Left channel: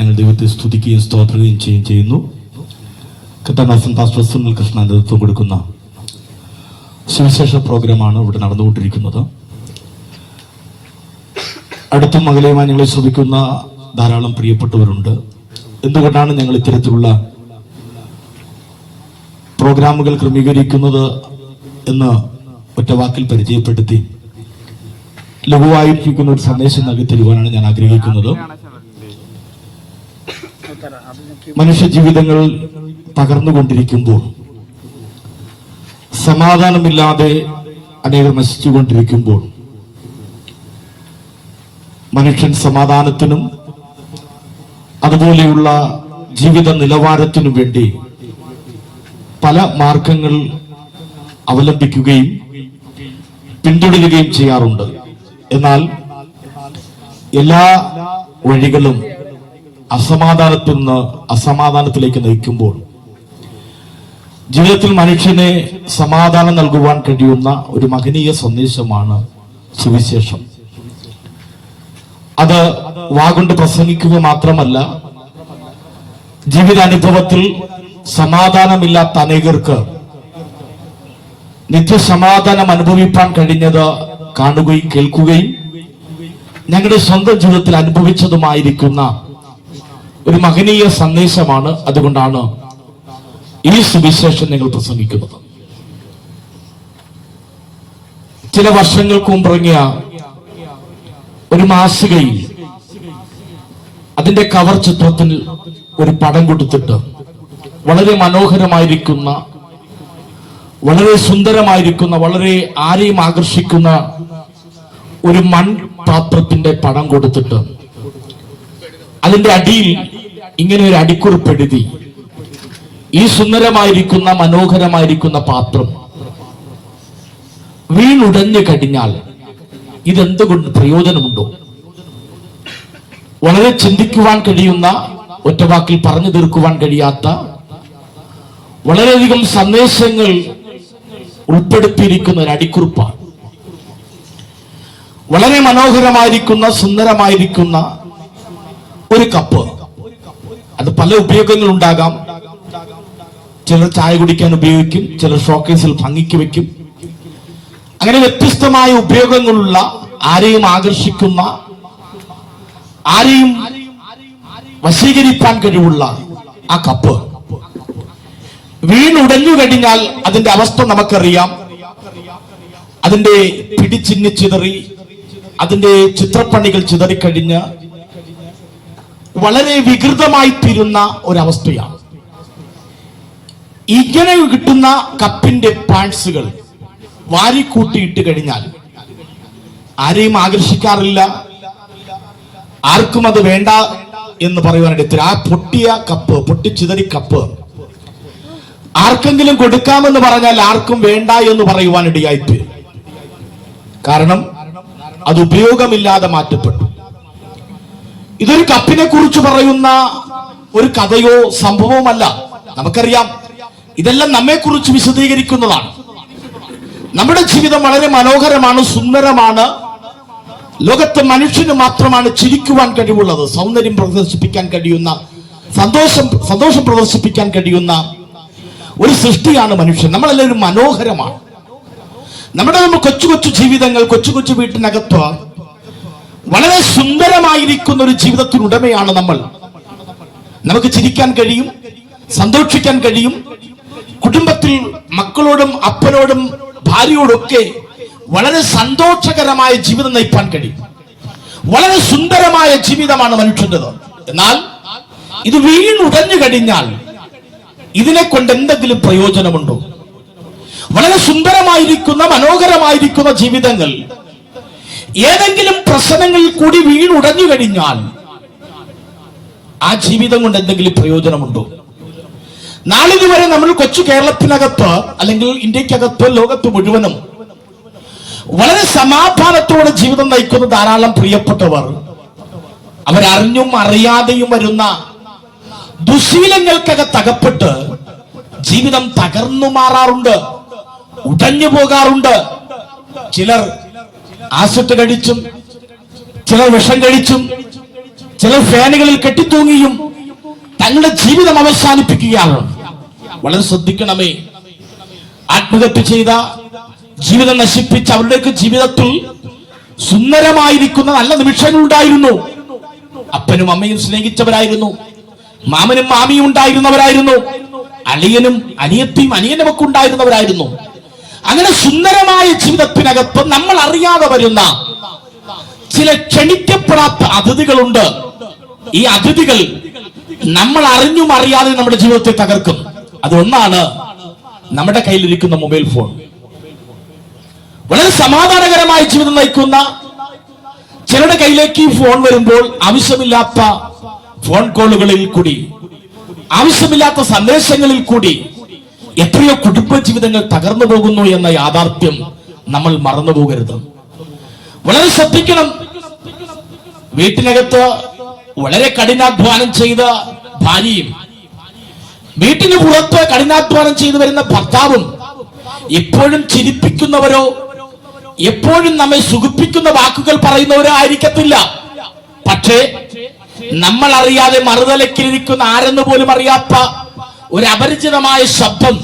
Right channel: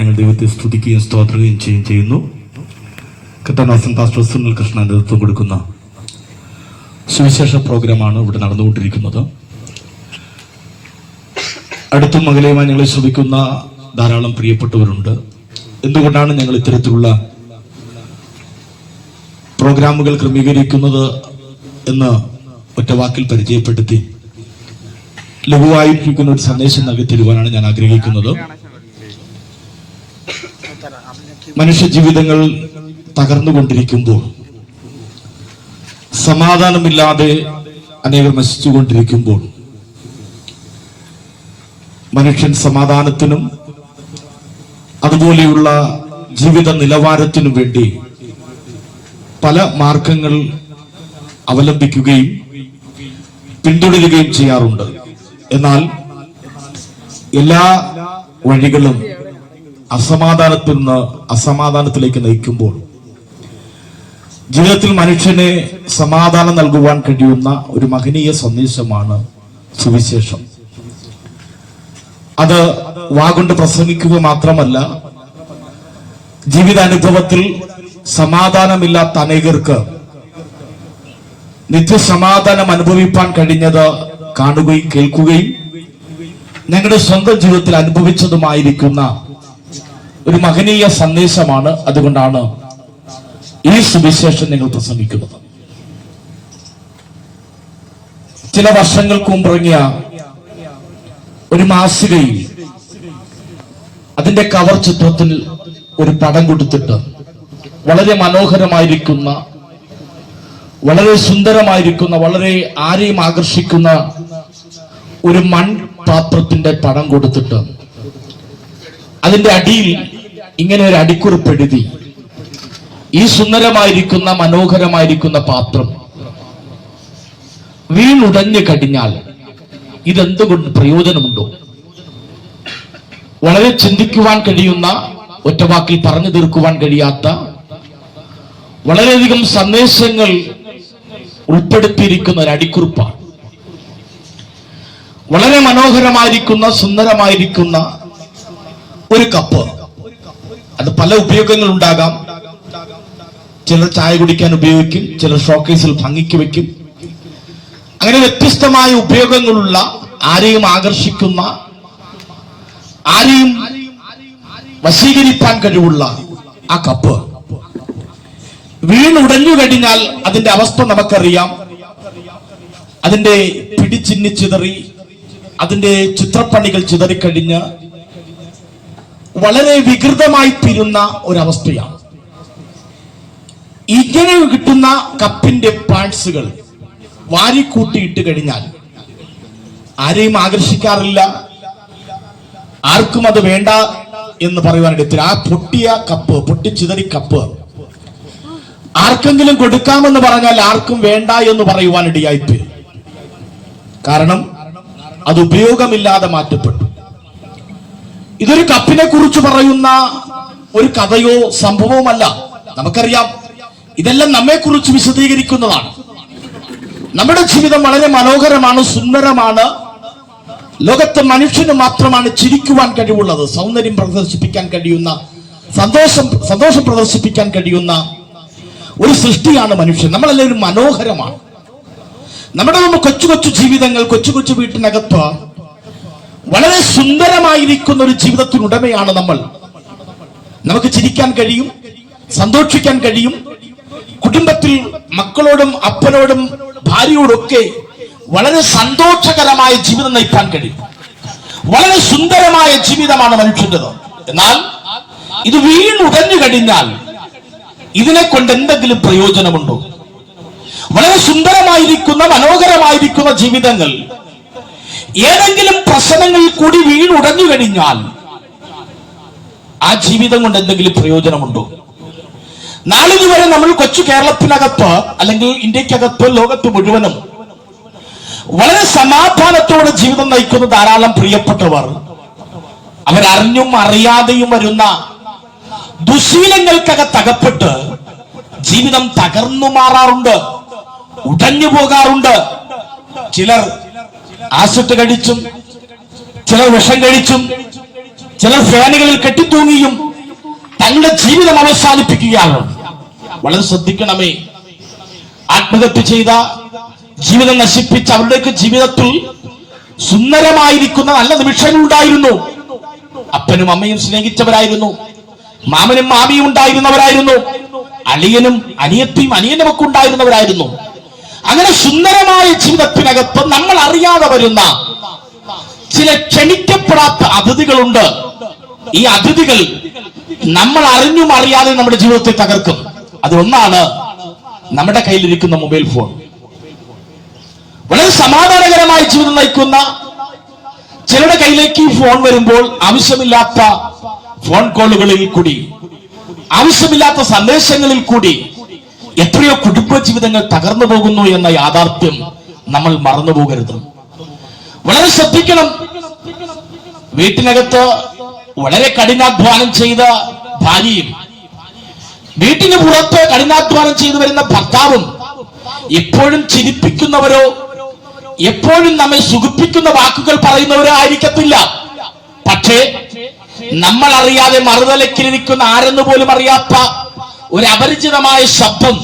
ഞങ്ങൾ ദൈവത്തെ സ്തുതിക്കുകയും സ്തോത്രം ചെയ്യുന്നു. കത്തനാസൻ പാസ്റ്റർ സുനിൽ കൃഷ്ണ നേതൃത്വം കൊടുക്കുന്ന സുവിശേഷ പ്രോഗ്രാമാണ് ഇവിടെ നടന്നുകൊണ്ടിരിക്കുന്നത്. അടുത്തും അകലെയുമായി ഞങ്ങളെ ശ്രമിക്കുന്ന ധാരാളം പ്രിയപ്പെട്ടവരുണ്ട്. എന്തുകൊണ്ടാണ് ഞങ്ങൾ ഇത്തരത്തിലുള്ള പ്രോഗ്രാമുകൾ ക്രമീകരിക്കുന്നത് എന്ന് ഒറ്റ വാക്കിൽ പരിചയപ്പെടുത്തി ലഘുവായിരിക്കുന്ന ഒരു സന്ദേശം നൽകി തരുവാനാണ് ഞാൻ ആഗ്രഹിക്കുന്നത്. മനുഷ്യ ജീവിതങ്ങൾ തകർന്നുകൊണ്ടിരിക്കുമ്പോൾ, സമാധാനമില്ലാതെ അനേകം നശിച്ചുകൊണ്ടിരിക്കുമ്പോൾ, മനുഷ്യൻ സമാധാനത്തിനും അതുപോലെയുള്ള ജീവിത നിലവാരത്തിനും വേണ്ടി പല മാർഗങ്ങൾ അവലംബിക്കുകയും പിന്തുടരുകയും ചെയ്യാറുണ്ട്. എന്നാൽ എല്ലാ വഴികളും അസമാധാനത്തിൽ നിന്ന് അസമാധാനത്തിലേക്ക് നയിക്കുമ്പോൾ ജീവിതത്തിൽ മനുഷ്യനെ സമാധാനം നൽകുവാൻ കഴിയുന്ന ഒരു മഹനീയ സന്ദേശമാണ് സുവിശേഷം. അത് വാഗൊണ്ട് പ്രസംഗിക്കുക മാത്രമല്ല, ജീവിതാനുഭവത്തിൽ സമാധാനമില്ലാത്ത അനേകർക്ക് നിത്യസമാധാനം അനുഭവിപ്പാൻ കഴിഞ്ഞത് കാണുകയും കേൾക്കുകയും ഞങ്ങളുടെ സ്വന്തം ജീവിതത്തിൽ അനുഭവിച്ചതുമായിരിക്കുന്ന ഒരു മഹനീയ സന്ദേശമാണ്. അതുകൊണ്ടാണ് ഈ സുവിശേഷം ഞങ്ങൾ പ്രസംഗിക്കുന്നത്. ചില വർഷങ്ങൾക്ക് മുമ്പിറങ്ങിയ ഒരു മാസികയിൽ അതിന്റെ കവർ ചിത്രത്തിൽ ഒരു പടം കൊടുത്തിട്ട് വളരെ മനോഹരമായിരിക്കുന്ന, വളരെ സുന്ദരമായിരിക്കുന്ന, വളരെ ആരെയും ആകർഷിക്കുന്ന ഒരു മൺപാത്രത്തിന്റെ പടം കൊടുത്തിട്ട് അതിന്റെ അടിയിൽ ഇങ്ങനെ ഒരു അടിക്കുറിപ്പ് എഴുതി, ഈ സുന്ദരമായിരിക്കുന്ന മനോഹരമായിരിക്കുന്ന പാത്രം വീണുടഞ്ഞു കഴിഞ്ഞാൽ ഇതെന്തുകൊണ്ട് പ്രയോജനമുണ്ടോ? വളരെ ചിന്തിക്കുവാൻ കഴിയുന്ന, ഒറ്റവാക്കിൽ പറഞ്ഞു തീർക്കുവാൻ കഴിയാത്ത വളരെയധികം സന്ദേശങ്ങൾ ഉൾപ്പെടുത്തിയിരിക്കുന്ന ഒരു അടിക്കുറിപ്പാണ്. വളരെ മനോഹരമായിരിക്കുന്ന, സുന്ദരമായിരിക്കുന്ന ഒരു കപ്പ്. അത് പല ഉപയോഗങ്ങൾ ഉണ്ടാകാം. ചിലർ ചായ കുടിക്കാൻ ഉപയോഗിക്കും, ചിലർ ഷോക്കേസിൽ ഭംഗിക്ക് വെക്കും. അങ്ങനെ വ്യത്യസ്തമായ ഉപയോഗങ്ങളുള്ള, ആരെയും ആകർഷിക്കുന്ന, ആരെയും വശീകരിക്കാൻ കഴിവുള്ള ആ കപ്പ് വീണുടഞ്ഞു കഴിഞ്ഞാൽ അതിന്റെ അവസ്ഥ നമുക്കറിയാം. അതിന്റെ പിടിച്ചിന്നി ചിതറി, അതിന്റെ ചിത്രപ്പണികൾ ചിതറിക്കഴിഞ്ഞ് വളരെ വികൃതമായി തീരുന്ന ഒരവസ്ഥയാണ്. ഇങ്ങനെ കിട്ടുന്ന കപ്പിന്റെ പാർട്സുകൾ വാരിക്കൂട്ടിയിട്ട് കഴിഞ്ഞാൽ ആരെയും ആകർഷിക്കാറില്ല, ആർക്കും അത് വേണ്ട എന്ന് പറയുവാനായിട്ട് ആ പൊട്ടിയ കപ്പ്, പൊട്ടിച്ചിതറി കപ്പ് ആർക്കെങ്കിലും കൊടുക്കാമെന്ന് പറഞ്ഞാൽ ആർക്കും വേണ്ട എന്ന് പറയുവാനിടയായിട്ട്. കാരണം അത് ഉപയോഗമില്ലാതെ മാറ്റപ്പെട്ടു. ഇതൊരു കപ്പിനെ കുറിച്ച് പറയുന്ന ഒരു കഥയോ സംഭവവുമല്ല. നമുക്കറിയാം, ഇതെല്ലാം നമ്മെ കുറിച്ച് വിശദീകരിക്കുന്നതാണ്. നമ്മുടെ ജീവിതം വളരെ മനോഹരമാണ്, സുന്ദരമാണ്. ലോകത്ത് മനുഷ്യന് മാത്രമാണ് ചിരിക്കുവാൻ കഴിവുള്ളത്, സൗന്ദര്യം പ്രദർശിപ്പിക്കാൻ കഴിയുന്ന, സന്തോഷം പ്രദർശിപ്പിക്കാൻ കഴിയുന്ന ഒരു സൃഷ്ടിയാണ് മനുഷ്യൻ. നമ്മളെല്ലാവരും മനോഹരമാണ്. നമ്മുടെ കൊച്ചു കൊച്ചു ജീവിതങ്ങൾ, കൊച്ചു കൊച്ചു വീട്ടിനകത്ത് വളരെ സുന്ദരമായിരിക്കുന്ന ഒരു ജീവിതത്തിനുടമയാണ് നമ്മൾ. നമുക്ക് ചിരിക്കാൻ കഴിയും, സന്തോഷിക്കാൻ കഴിയും. കുടുംബത്തിൽ മക്കളോടും അപ്പനോടും ഭാര്യയോടൊക്കെ വളരെ സന്തോഷകരമായ ജീവിതം നയിക്കാൻ കഴിയും. വളരെ സുന്ദരമായ ജീവിതമാണ് മനുഷ്യൻ്റെത്. എന്നാൽ ഇത് വീണുടഞ്ഞു കഴിഞ്ഞാൽ ഇതിനെ കൊണ്ട് എന്തെങ്കിലും പ്രയോജനമുണ്ടോ? വളരെ സുന്ദരമായിരിക്കുന്ന, മനോഹരമായിരിക്കുന്ന ജീവിതങ്ങൾ ഏതെങ്കിലും പ്രശ്നങ്ങളിൽ കൂടി വീണുടഞ്ഞു കഴിഞ്ഞാൽ ആ ജീവിതം കൊണ്ട് എന്തെങ്കിലും പ്രയോജനമുണ്ടോ? നാളിതുവരെ നമ്മൾ കൊച്ചു കേരളത്തിനകത്ത്, അല്ലെങ്കിൽ ഇന്ത്യക്കകത്ത്, ലോകത്ത് മുഴുവനും വളരെ സമാധാനത്തോടെ ജീവിതം നയിക്കുന്ന ധാരാളം പ്രിയപ്പെട്ടവർ അവരറിഞ്ഞും അറിയാതെയും വരുന്ന ദുശീലങ്ങൾക്കകത്തകപ്പെട്ട് ജീവിതം തകർന്നു മാറാറുണ്ട്, ഉടഞ്ഞു പോകാറുണ്ട്. ചിലർ ആസിഡ് കഴിച്ചും, ചിലർ വിഷം കഴിച്ചും, ചിലർ ഫാനുകളിൽ കെട്ടിത്തൂങ്ങിയും തങ്ങളുടെ ജീവിതം അവസാനിപ്പിക്കുകയാണ്. വളരെ ശ്രദ്ധിക്കണമേ. ആത്മഹത്യ ചെയ്ത, ജീവിതം നശിപ്പിച്ച അവരുടെയൊക്കെ ജീവിതത്തിൽ സുന്ദരമായിരിക്കുന്ന നല്ല നിമിഷങ്ങൾ ഉണ്ടായിരുന്നു. അപ്പനും അമ്മയും സ്നേഹിച്ചവരായിരുന്നു, മാമനും മാമിയും ഉണ്ടായിരുന്നവരായിരുന്നു, അളിയനും അനിയത്തിയും അനിയനുമൊക്കെ ഉണ്ടായിരുന്നവരായിരുന്നു. അങ്ങനെ സുന്ദരമായ ജീവിതത്തിനകത്ത് നമ്മൾ അറിയാതെ വരുന്ന ചില ക്ഷണിക്കപ്പെടാത്ത അതിഥികളുണ്ട്. ഈ അതിഥികൾ നമ്മൾ അറിഞ്ഞും അറിയാതെ നമ്മുടെ ജീവിതത്തെ തകർക്കും. അതൊന്നാണ് നമ്മുടെ കയ്യിലിരിക്കുന്ന മൊബൈൽ ഫോൺ. വളരെ സമാധാനകരമായ ജീവിതം നയിക്കുന്ന ചിലരുടെ കയ്യിലേക്ക് ഈ ഫോൺ വരുമ്പോൾ ആവശ്യമില്ലാത്ത ഫോൺ കോളുകളിൽ കൂടി, ആവശ്യമില്ലാത്ത സന്ദേശങ്ങളിൽ കൂടി എത്രയോ കുടുംബ ജീവിതങ്ങൾ തകർന്നു പോകുന്നു എന്ന യാഥാർത്ഥ്യം നമ്മൾ മറന്നു പോകരുത്. വളരെ ശ്രദ്ധിക്കണം. വീട്ടിനകത്ത് വളരെ കഠിനാധ്വാനം ചെയ്ത ഭാര്യയും വീട്ടിന് പുറത്ത് കഠിനാധ്വാനം ചെയ്തു വരുന്ന ഭർത്താവും എപ്പോഴും ചിരിപ്പിക്കുന്നവരോ എപ്പോഴും നമ്മെ സുഖിപ്പിക്കുന്ന വാക്കുകൾ പറയുന്നവരോ ആയിരിക്കത്തില്ല. പക്ഷേ നമ്മൾ അറിയാതെ മറുതലക്കിലിരിക്കുന്ന ആരെന്ന് പോലും അറിയാത്ത ഒരു അപരിചിതമായ ശബ്ദം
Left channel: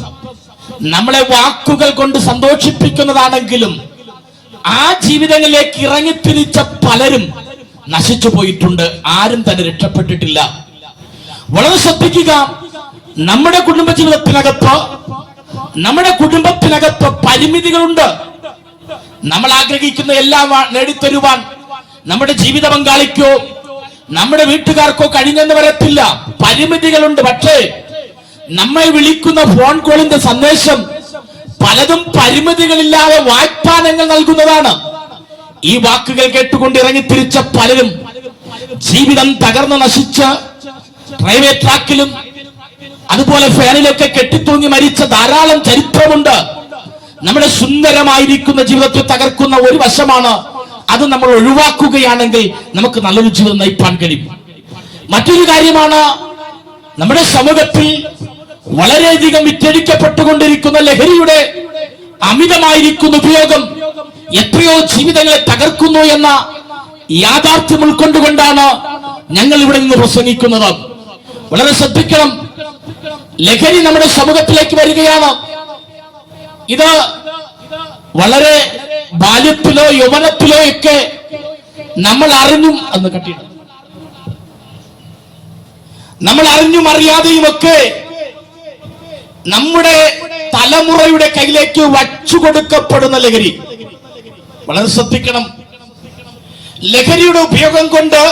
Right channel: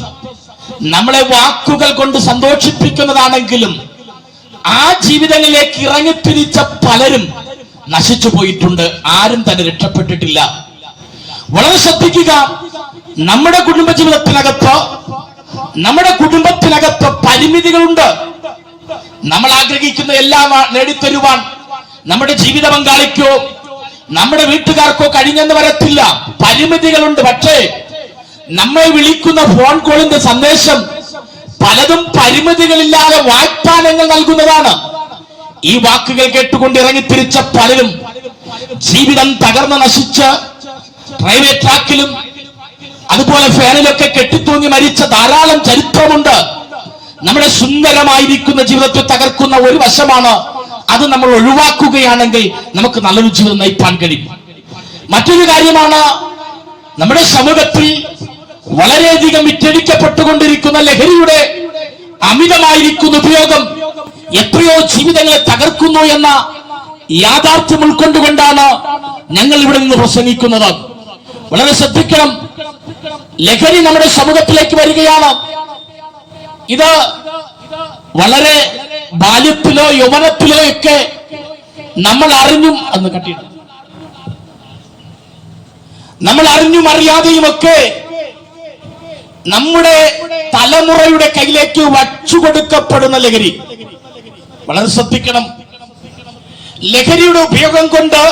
നമ്മളെ വാക്കുകൾ കൊണ്ട് സന്തോഷിപ്പിക്കുന്നതാണെങ്കിലും ആ ജീവിതങ്ങളിലേക്ക് ഇറങ്ങിത്തിരിച്ച പലരും നശിച്ചു പോയിട്ടുണ്ട്. ആരും തന്നെ രക്ഷപ്പെട്ടിട്ടില്ല. വളരെ ശ്രദ്ധിക്കുക. നമ്മുടെ കുടുംബത്തിനകത്ത് പരിമിതികളുണ്ട്. നമ്മൾ ആഗ്രഹിക്കുന്ന എല്ലാം നേടിത്തരുവാൻ നമ്മുടെ ജീവിത പങ്കാളിക്കോ നമ്മുടെ വീട്ടുകാർക്കോ കഴിഞ്ഞെന്ന് വരത്തില്ല. പരിമിതികളുണ്ട്. പക്ഷേ നമ്മെ വിളിക്കുന്ന ഫോൺ കോളിന്റെ സന്ദേശം പലതും പരിമിതികളില്ലാതെ വാഗ്ദാനങ്ങൾ നൽകുന്നതാണ്. ഈ വാക്കുകൾ കേട്ടുകൊണ്ട് ഇറങ്ങിത്തിരിച്ച പലരും ജീവിതം തകർന്ന് നശിച്ച് റെയിൽവേ ട്രാക്കിലും അതുപോലെ ഫാനിലൊക്കെ കെട്ടിത്തൂങ്ങി മരിച്ച ധാരാളം ചരിത്രമുണ്ട്. നമ്മുടെ സുന്ദരമായിരിക്കുന്ന ജീവിതത്തെ തകർക്കുന്ന ഒരു വശമാണ് അത്. നമ്മൾ ഒഴിവാക്കുകയാണെങ്കിൽ നമുക്ക് നല്ലൊരു ജീവിതം നയിക്കാൻ കഴിയും. മറ്റൊരു കാര്യമാണ്, നമ്മുടെ സമൂഹത്തിൽ വളരെയധികം വിറ്റഴിക്കപ്പെട്ടുകൊണ്ടിരിക്കുന്ന ലഹരിയുടെ അമിതമായിരിക്കുന്ന ഉപയോഗം എത്രയോ ജീവിതങ്ങളെ തകർക്കുന്നു എന്ന യാഥാർത്ഥ്യം ഉൾക്കൊണ്ടുകൊണ്ടാണ് ഞങ്ങൾ ഇവിടെ നിന്ന് പ്രസംഗിക്കുന്നത്. വളരെ ശ്രദ്ധിക്കണം. ലഹരി നമ്മുടെ സമൂഹത്തിലേക്ക് വരികയാണ്. ഇത് വളരെ ബാല്യത്തിലോ യൗവനത്തിലോ ഒക്കെ നമ്മൾ അറിഞ്ഞും നമ്മൾ അറിഞ്ഞും അറിയാതെയുമൊക്കെ നമ്മുടെ തലമുറയുടെ കയ്യിലേക്ക് വച്ചുകൊടുക്കപ്പെടുന്ന ലഹരി. വളരെ ശ്രദ്ധിക്കണം. ലഹരിയുടെ ഉപയോഗം കൊണ്ട്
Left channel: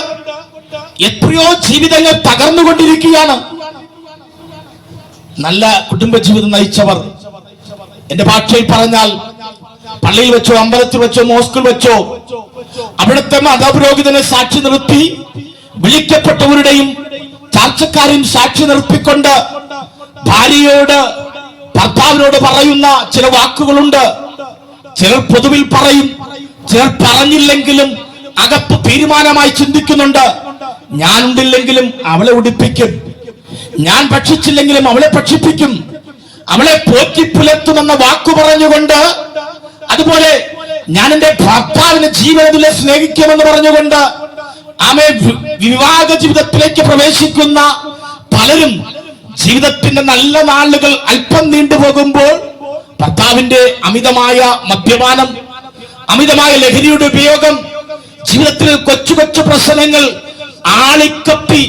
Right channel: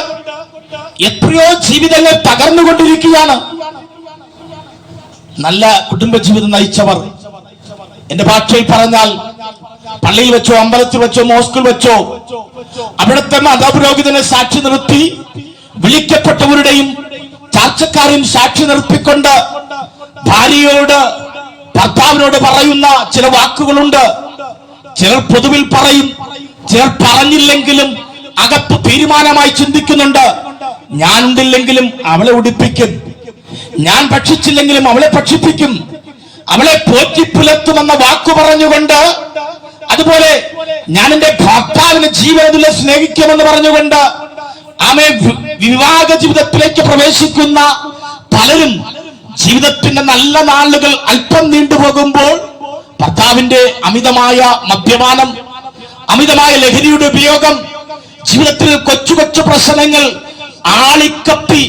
എത്രയോ ജീവിതങ്ങൾ തകർന്നുകൊണ്ടിരിക്കുകയാണ്. നല്ല കുടുംബജീവിതം നയിച്ചവർ, എന്റെ ഭാഷയിൽ പറഞ്ഞാൽ പള്ളിയിൽ വെച്ചോ അമ്പലത്തിൽ വെച്ചോ മോസ്കിൽ വെച്ചോ അവിടുത്തെ മതപുരോഹിതനെ സാക്ഷി നിർത്തി വിളിക്കപ്പെട്ടവരുടെയും ചാർച്ചക്കാരെയും സാക്ഷി നിർത്തിക്കൊണ്ട് ഭാര്യയോട് ഭർത്താവിനോട് പറയുന്ന ചില വാക്കുകളുണ്ട്. ചിലർ പൊതുവിൽ പറയും, ചിലർ പറഞ്ഞില്ലെങ്കിലും അകത്ത് തീരുമാനമായി ചിന്തിക്കുന്നുണ്ട്. ഞാൻ ഉണ്ടില്ലെങ്കിലും അവളെ ഉടുപ്പിക്കും, ഞാൻ ഭക്ഷിച്ചില്ലെങ്കിലും അവളെ ഭക്ഷിപ്പിക്കും, അവളെ പോറ്റി പുലർത്തുമെന്ന വാക്കു പറഞ്ഞുകൊണ്ട്, അതുപോലെ ഞാൻ എന്റെ ഭർത്താവിനെ ജീവനത്തിലെ സ്നേഹിക്കുമെന്ന് പറഞ്ഞുകൊണ്ട് ആമേ വിവാഹ ജീവിതത്തിലേക്ക് പ്രവേശിക്കുന്ന പലരും ജീവിതത്തിന്റെ നല്ല നാളുകൾ അല്പം നീണ്ടുപോകുമ്പോൾ ഭർത്താവിന്റെ അമിതമായ മദ്യപാനം, അമിതമായ ലഹരിയുടെ ഉപയോഗം, ജീവിതത്തിൽ കൊച്ചു കൊച്ചു പ്രശ്നങ്ങൾ ആളിക്കത്തി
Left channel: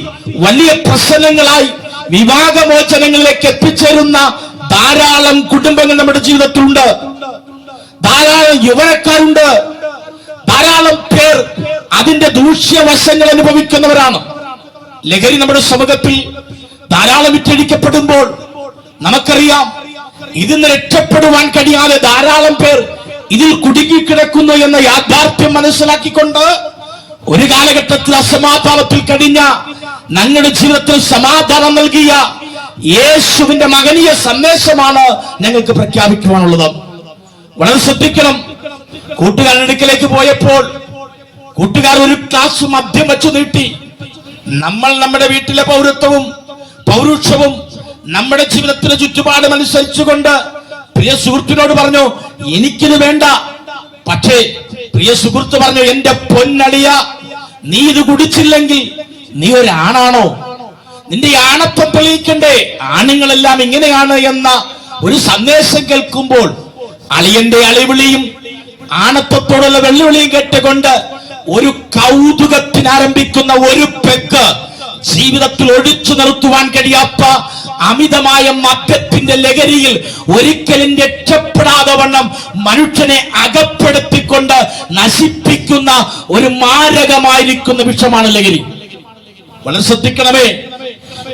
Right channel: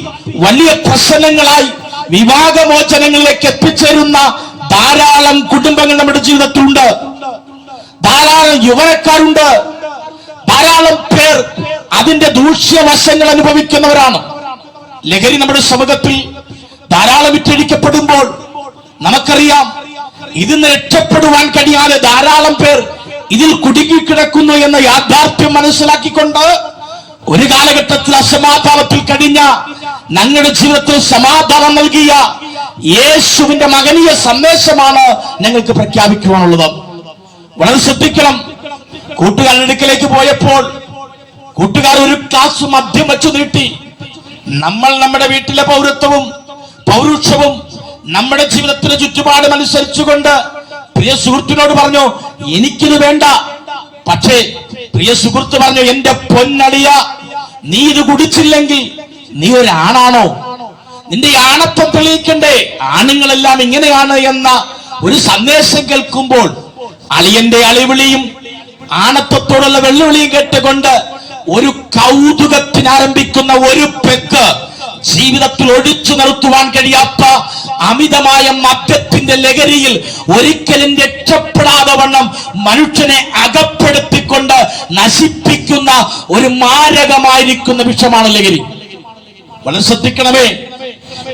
വലിയ പ്രശ്നങ്ങളായി വിവാഹമോചനങ്ങളിലേക്ക് എത്തിച്ചേരുന്ന ധാരാളം കുടുംബങ്ങൾ നമ്മുടെ ജീവിതത്തിലുണ്ട്. ധാരാളം യുവനക്കാരുണ്ട്. ധാരാളം പേർ അതിന്റെ ദൂഷ്യവശങ്ങൾ അനുഭവിക്കുന്നവരാണ്. ലഹരി നമ്മുടെ സമൂഹത്തിൽ ധാരാളം വിറ്റഴിക്കപ്പെടുമ്പോൾ നമുക്കറിയാം, ഇതിന് രക്ഷപ്പെടുവാൻ കഴിയാതെ ധാരാളം പേർ ഇതിൽ കുടുങ്ങിക്കിടക്കുന്നു എന്ന യാഥാർത്ഥ്യം മനസ്സിലാക്കിക്കൊണ്ട് ഒരു കാലഘട്ടത്തിൽ അസമാധാനത്തിൽ കഴിഞ്ഞ ഞങ്ങളുടെ ജീവിതത്തിൽ സമാധാനം നൽകിയ യേശുവിന്റെ മകനീയ സന്ദേശമാണ് ഞങ്ങൾക്ക് പ്രഖ്യാപിക്കുവാനുള്ളത്. വളരെ ശ്രദ്ധിക്കണം. കൂട്ടുകാരുടെ അടുക്കലേക്ക് പോയപ്പോൾ കൂട്ടുകാർ ഒരു ഗ്ലാസ് മദ്യം വെച്ചു നീട്ടി. നമ്മൾ നമ്മുടെ വീട്ടിലെ പൗരുഷവും നമ്മുടെ ജീവിതത്തിലെ ചുറ്റുപാടും അനുസരിച്ചുകൊണ്ട് പ്രിയ സുഹൃത്തിനോട് പറഞ്ഞു, എനിക്കിത് വേണ്ട. പക്ഷേ പ്രിയ സുഹൃത്ത് പറഞ്ഞു, എന്റെ പൊന്നളിയ, നീ ഇത് കുടിച്ചില്ലെങ്കിൽ നീ ഒരാണാണോ? നിന്റെ ആണത്വം തെളിയിക്കണ്ടേ? ആണുങ്ങളെല്ലാം ഇങ്ങനെയാണ് എന്ന ഒരു സന്ദേശം കേൾക്കുമ്പോൾ അളിയന്റെ അളിവിളിയും ആണത്വത്തോടുള്ള വെല്ലുവിളിയും കേട്ടുകൊണ്ട് ഒരു കൗതുകത്തിന് ആരംഭിക്കുന്ന ഒരു പെക്ക് ജീവിതത്തിൽ ഒഴിച്ചു നിർത്തുവാൻ കഴിയാത്ത അമിതമായ മദ്യത്തിന്റെ ലഹരിയിൽ ഒരിക്കലും രക്ഷപ്പെടാതെ വണ്ണം മനുഷ്യനെ അകപ്പെടുത്തിക്കൊണ്ട് നശിപ്പിക്കുന്ന ഒരു മാരകമായിരിക്കുന്ന വിഷമാണ് ലഹരി. വളരെ ശ്രദ്ധിക്കണമേ.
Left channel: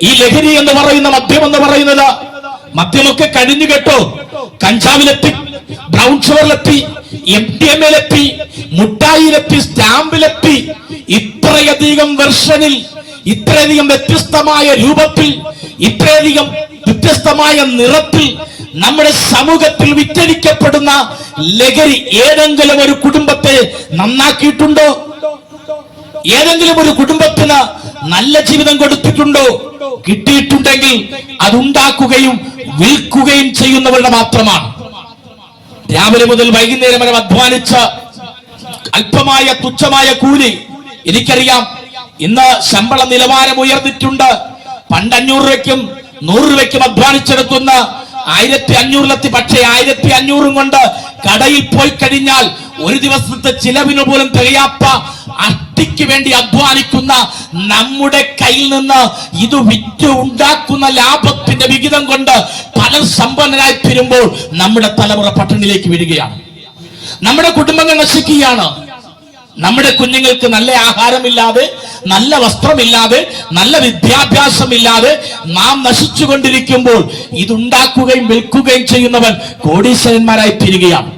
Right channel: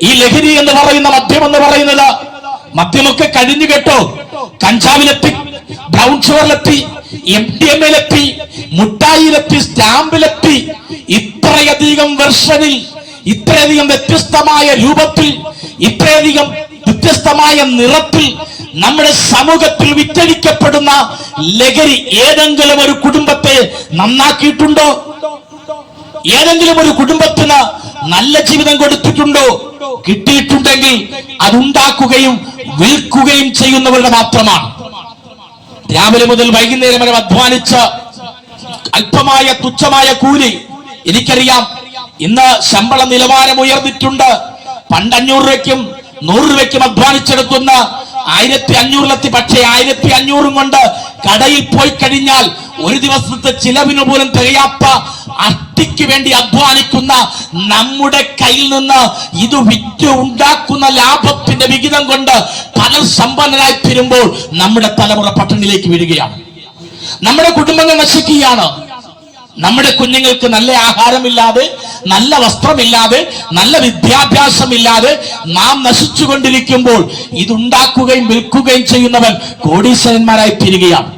ഈ ലഹരി എന്ന് പറയുന്ന മദ്യം എന്ന് പറയുന്നത്, മദ്യമൊക്കെ കഴിഞ്ഞു കേട്ടോ. കഞ്ചാവിലെത്തി, ബ്രൗൺ ഷുഗറിലെത്തി, MDMA-യിലെത്തി, മുട്ടായിലെത്തി, സ്റ്റാമ്പിലെത്തി. ഇത്രയധികം വെർഷനിൽ, ഇത്രയധികം വ്യത്യസ്തമായ രൂപത്തിൽ, ഇത്രയധികം വ്യത്യസ്തമായ നിറത്തിൽ നമ്മുടെ സമൂഹത്തിൽ വിറ്റഴിക്കപ്പെടുന്ന ലഹരി ഏതെങ്കിലും ഒരു കുടുംബത്തെ നന്നാക്കിയിട്ടുണ്ടോ? ഏതെങ്കിലും ഒരു കുടുംബത്തിന് നല്ല ജീവിതം കൊടുത്തിട്ടുണ്ടോ? കിട്ടിയിട്ടുണ്ടെങ്കിൽ അതുണ്ടാക്കുകയും വിൽക്കുകയും ചെയ്യുന്നവരുടെ മാത്രമാണ്. രാവിലെ മുതൽ വൈകുന്നേരം വരെ അധ്വാനിച്ച് അല്പമായ തുച്ഛമായ കൂലി. എനിക്കറിയാം, ഇന്ന് ശമ്പള നിലവാരം ഉയർന്നിട്ടുണ്ട്. പണ്ട് 500 രൂപയ്ക്കും 100 രൂപയ്ക്കും അധ്വാനിച്ചെടുക്കുന്ന 1500 പക്ഷേ 1500 കൊണ്ട് കടയിൽ പോയി കഴിഞ്ഞാൽ ഒരു ദിവസത്തെ ചിലവിന് പോലും തികയാത്ത അട്ടിക്ക് വേണ്ടി അധ്വാനിക്കുന്ന നമ്മുടെ കയ്യിൽ നിന്ന് ഇത് വിറ്റ് ഉണ്ടാക്കുന്ന ലാഭത്തിന്റെ വിഹിതം കൊണ്ട് പലർ സമ്പന്നരായി തീരുമ്പോൾ നമ്മുടെ തലമുറ പട്ടിണിയിലേക്ക് വീഴുകയാണ്. നമ്മുടെ കുടുംബങ്ങൾ നശിക്കുകയാണ്. നമ്മുടെ കുഞ്ഞുങ്ങൾക്ക് നല്ല ആഹാരമില്ലാതെ, നല്ല വസ്ത്രമില്ലാതെ, നല്ല വിദ്യാഭ്യാസമില്ലാതെ നാം നശിച്ചുകൊണ്ടിരിക്കുമ്പോൾ ഇതുണ്ടാക്കുകയും വിൽക്കുകയും ചെയ്യുന്നവൻ കോടീശ്വരന്മാരായി തീരുകയാണ്.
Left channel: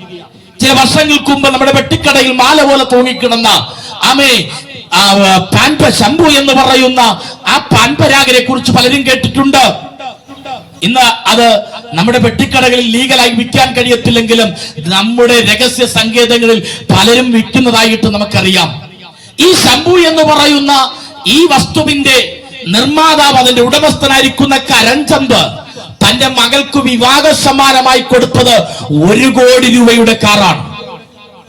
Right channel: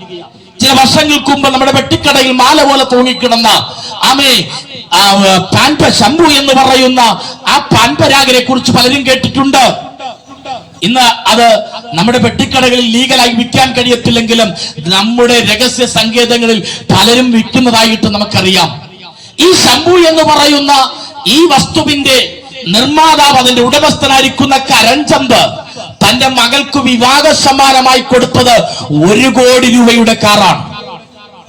ചില വർഷങ്ങൾക്ക് മുമ്പ് നമ്മുടെ വെട്ടിക്കടയിൽ മാല പോലെ തൂങ്ങിക്കിടന്ന പാൻപ ശംഭു എന്ന് പറയുന്ന ആ പാൻപരാഗരെ കുറിച്ച് പലരും കേട്ടിട്ടുണ്ട്. ഇന്ന് അത് നമ്മുടെ വെട്ടിക്കടകളിൽ ലീഗലായി വിൽക്കാൻ കഴിയത്തില്ലെങ്കിലും നമ്മുടെ രഹസ്യ സങ്കേതങ്ങളിൽ പലരും വിൽക്കുന്നതായിട്ട് നമുക്കറിയാം. ഈ ശംഭു എന്ന് പറയുന്ന ഈ വസ്തുവിന്റെ നിർമ്മാതാവ്, അതിന്റെ ഉടമസ്ഥനായിരിക്കുന്ന കരൺചന്ദ് തന്റെ മകൾക്ക് വിവാഹ സമ്മാനമായി കൊടുത്തത് 1 കോടി രൂപയുടെ കാറാണ്.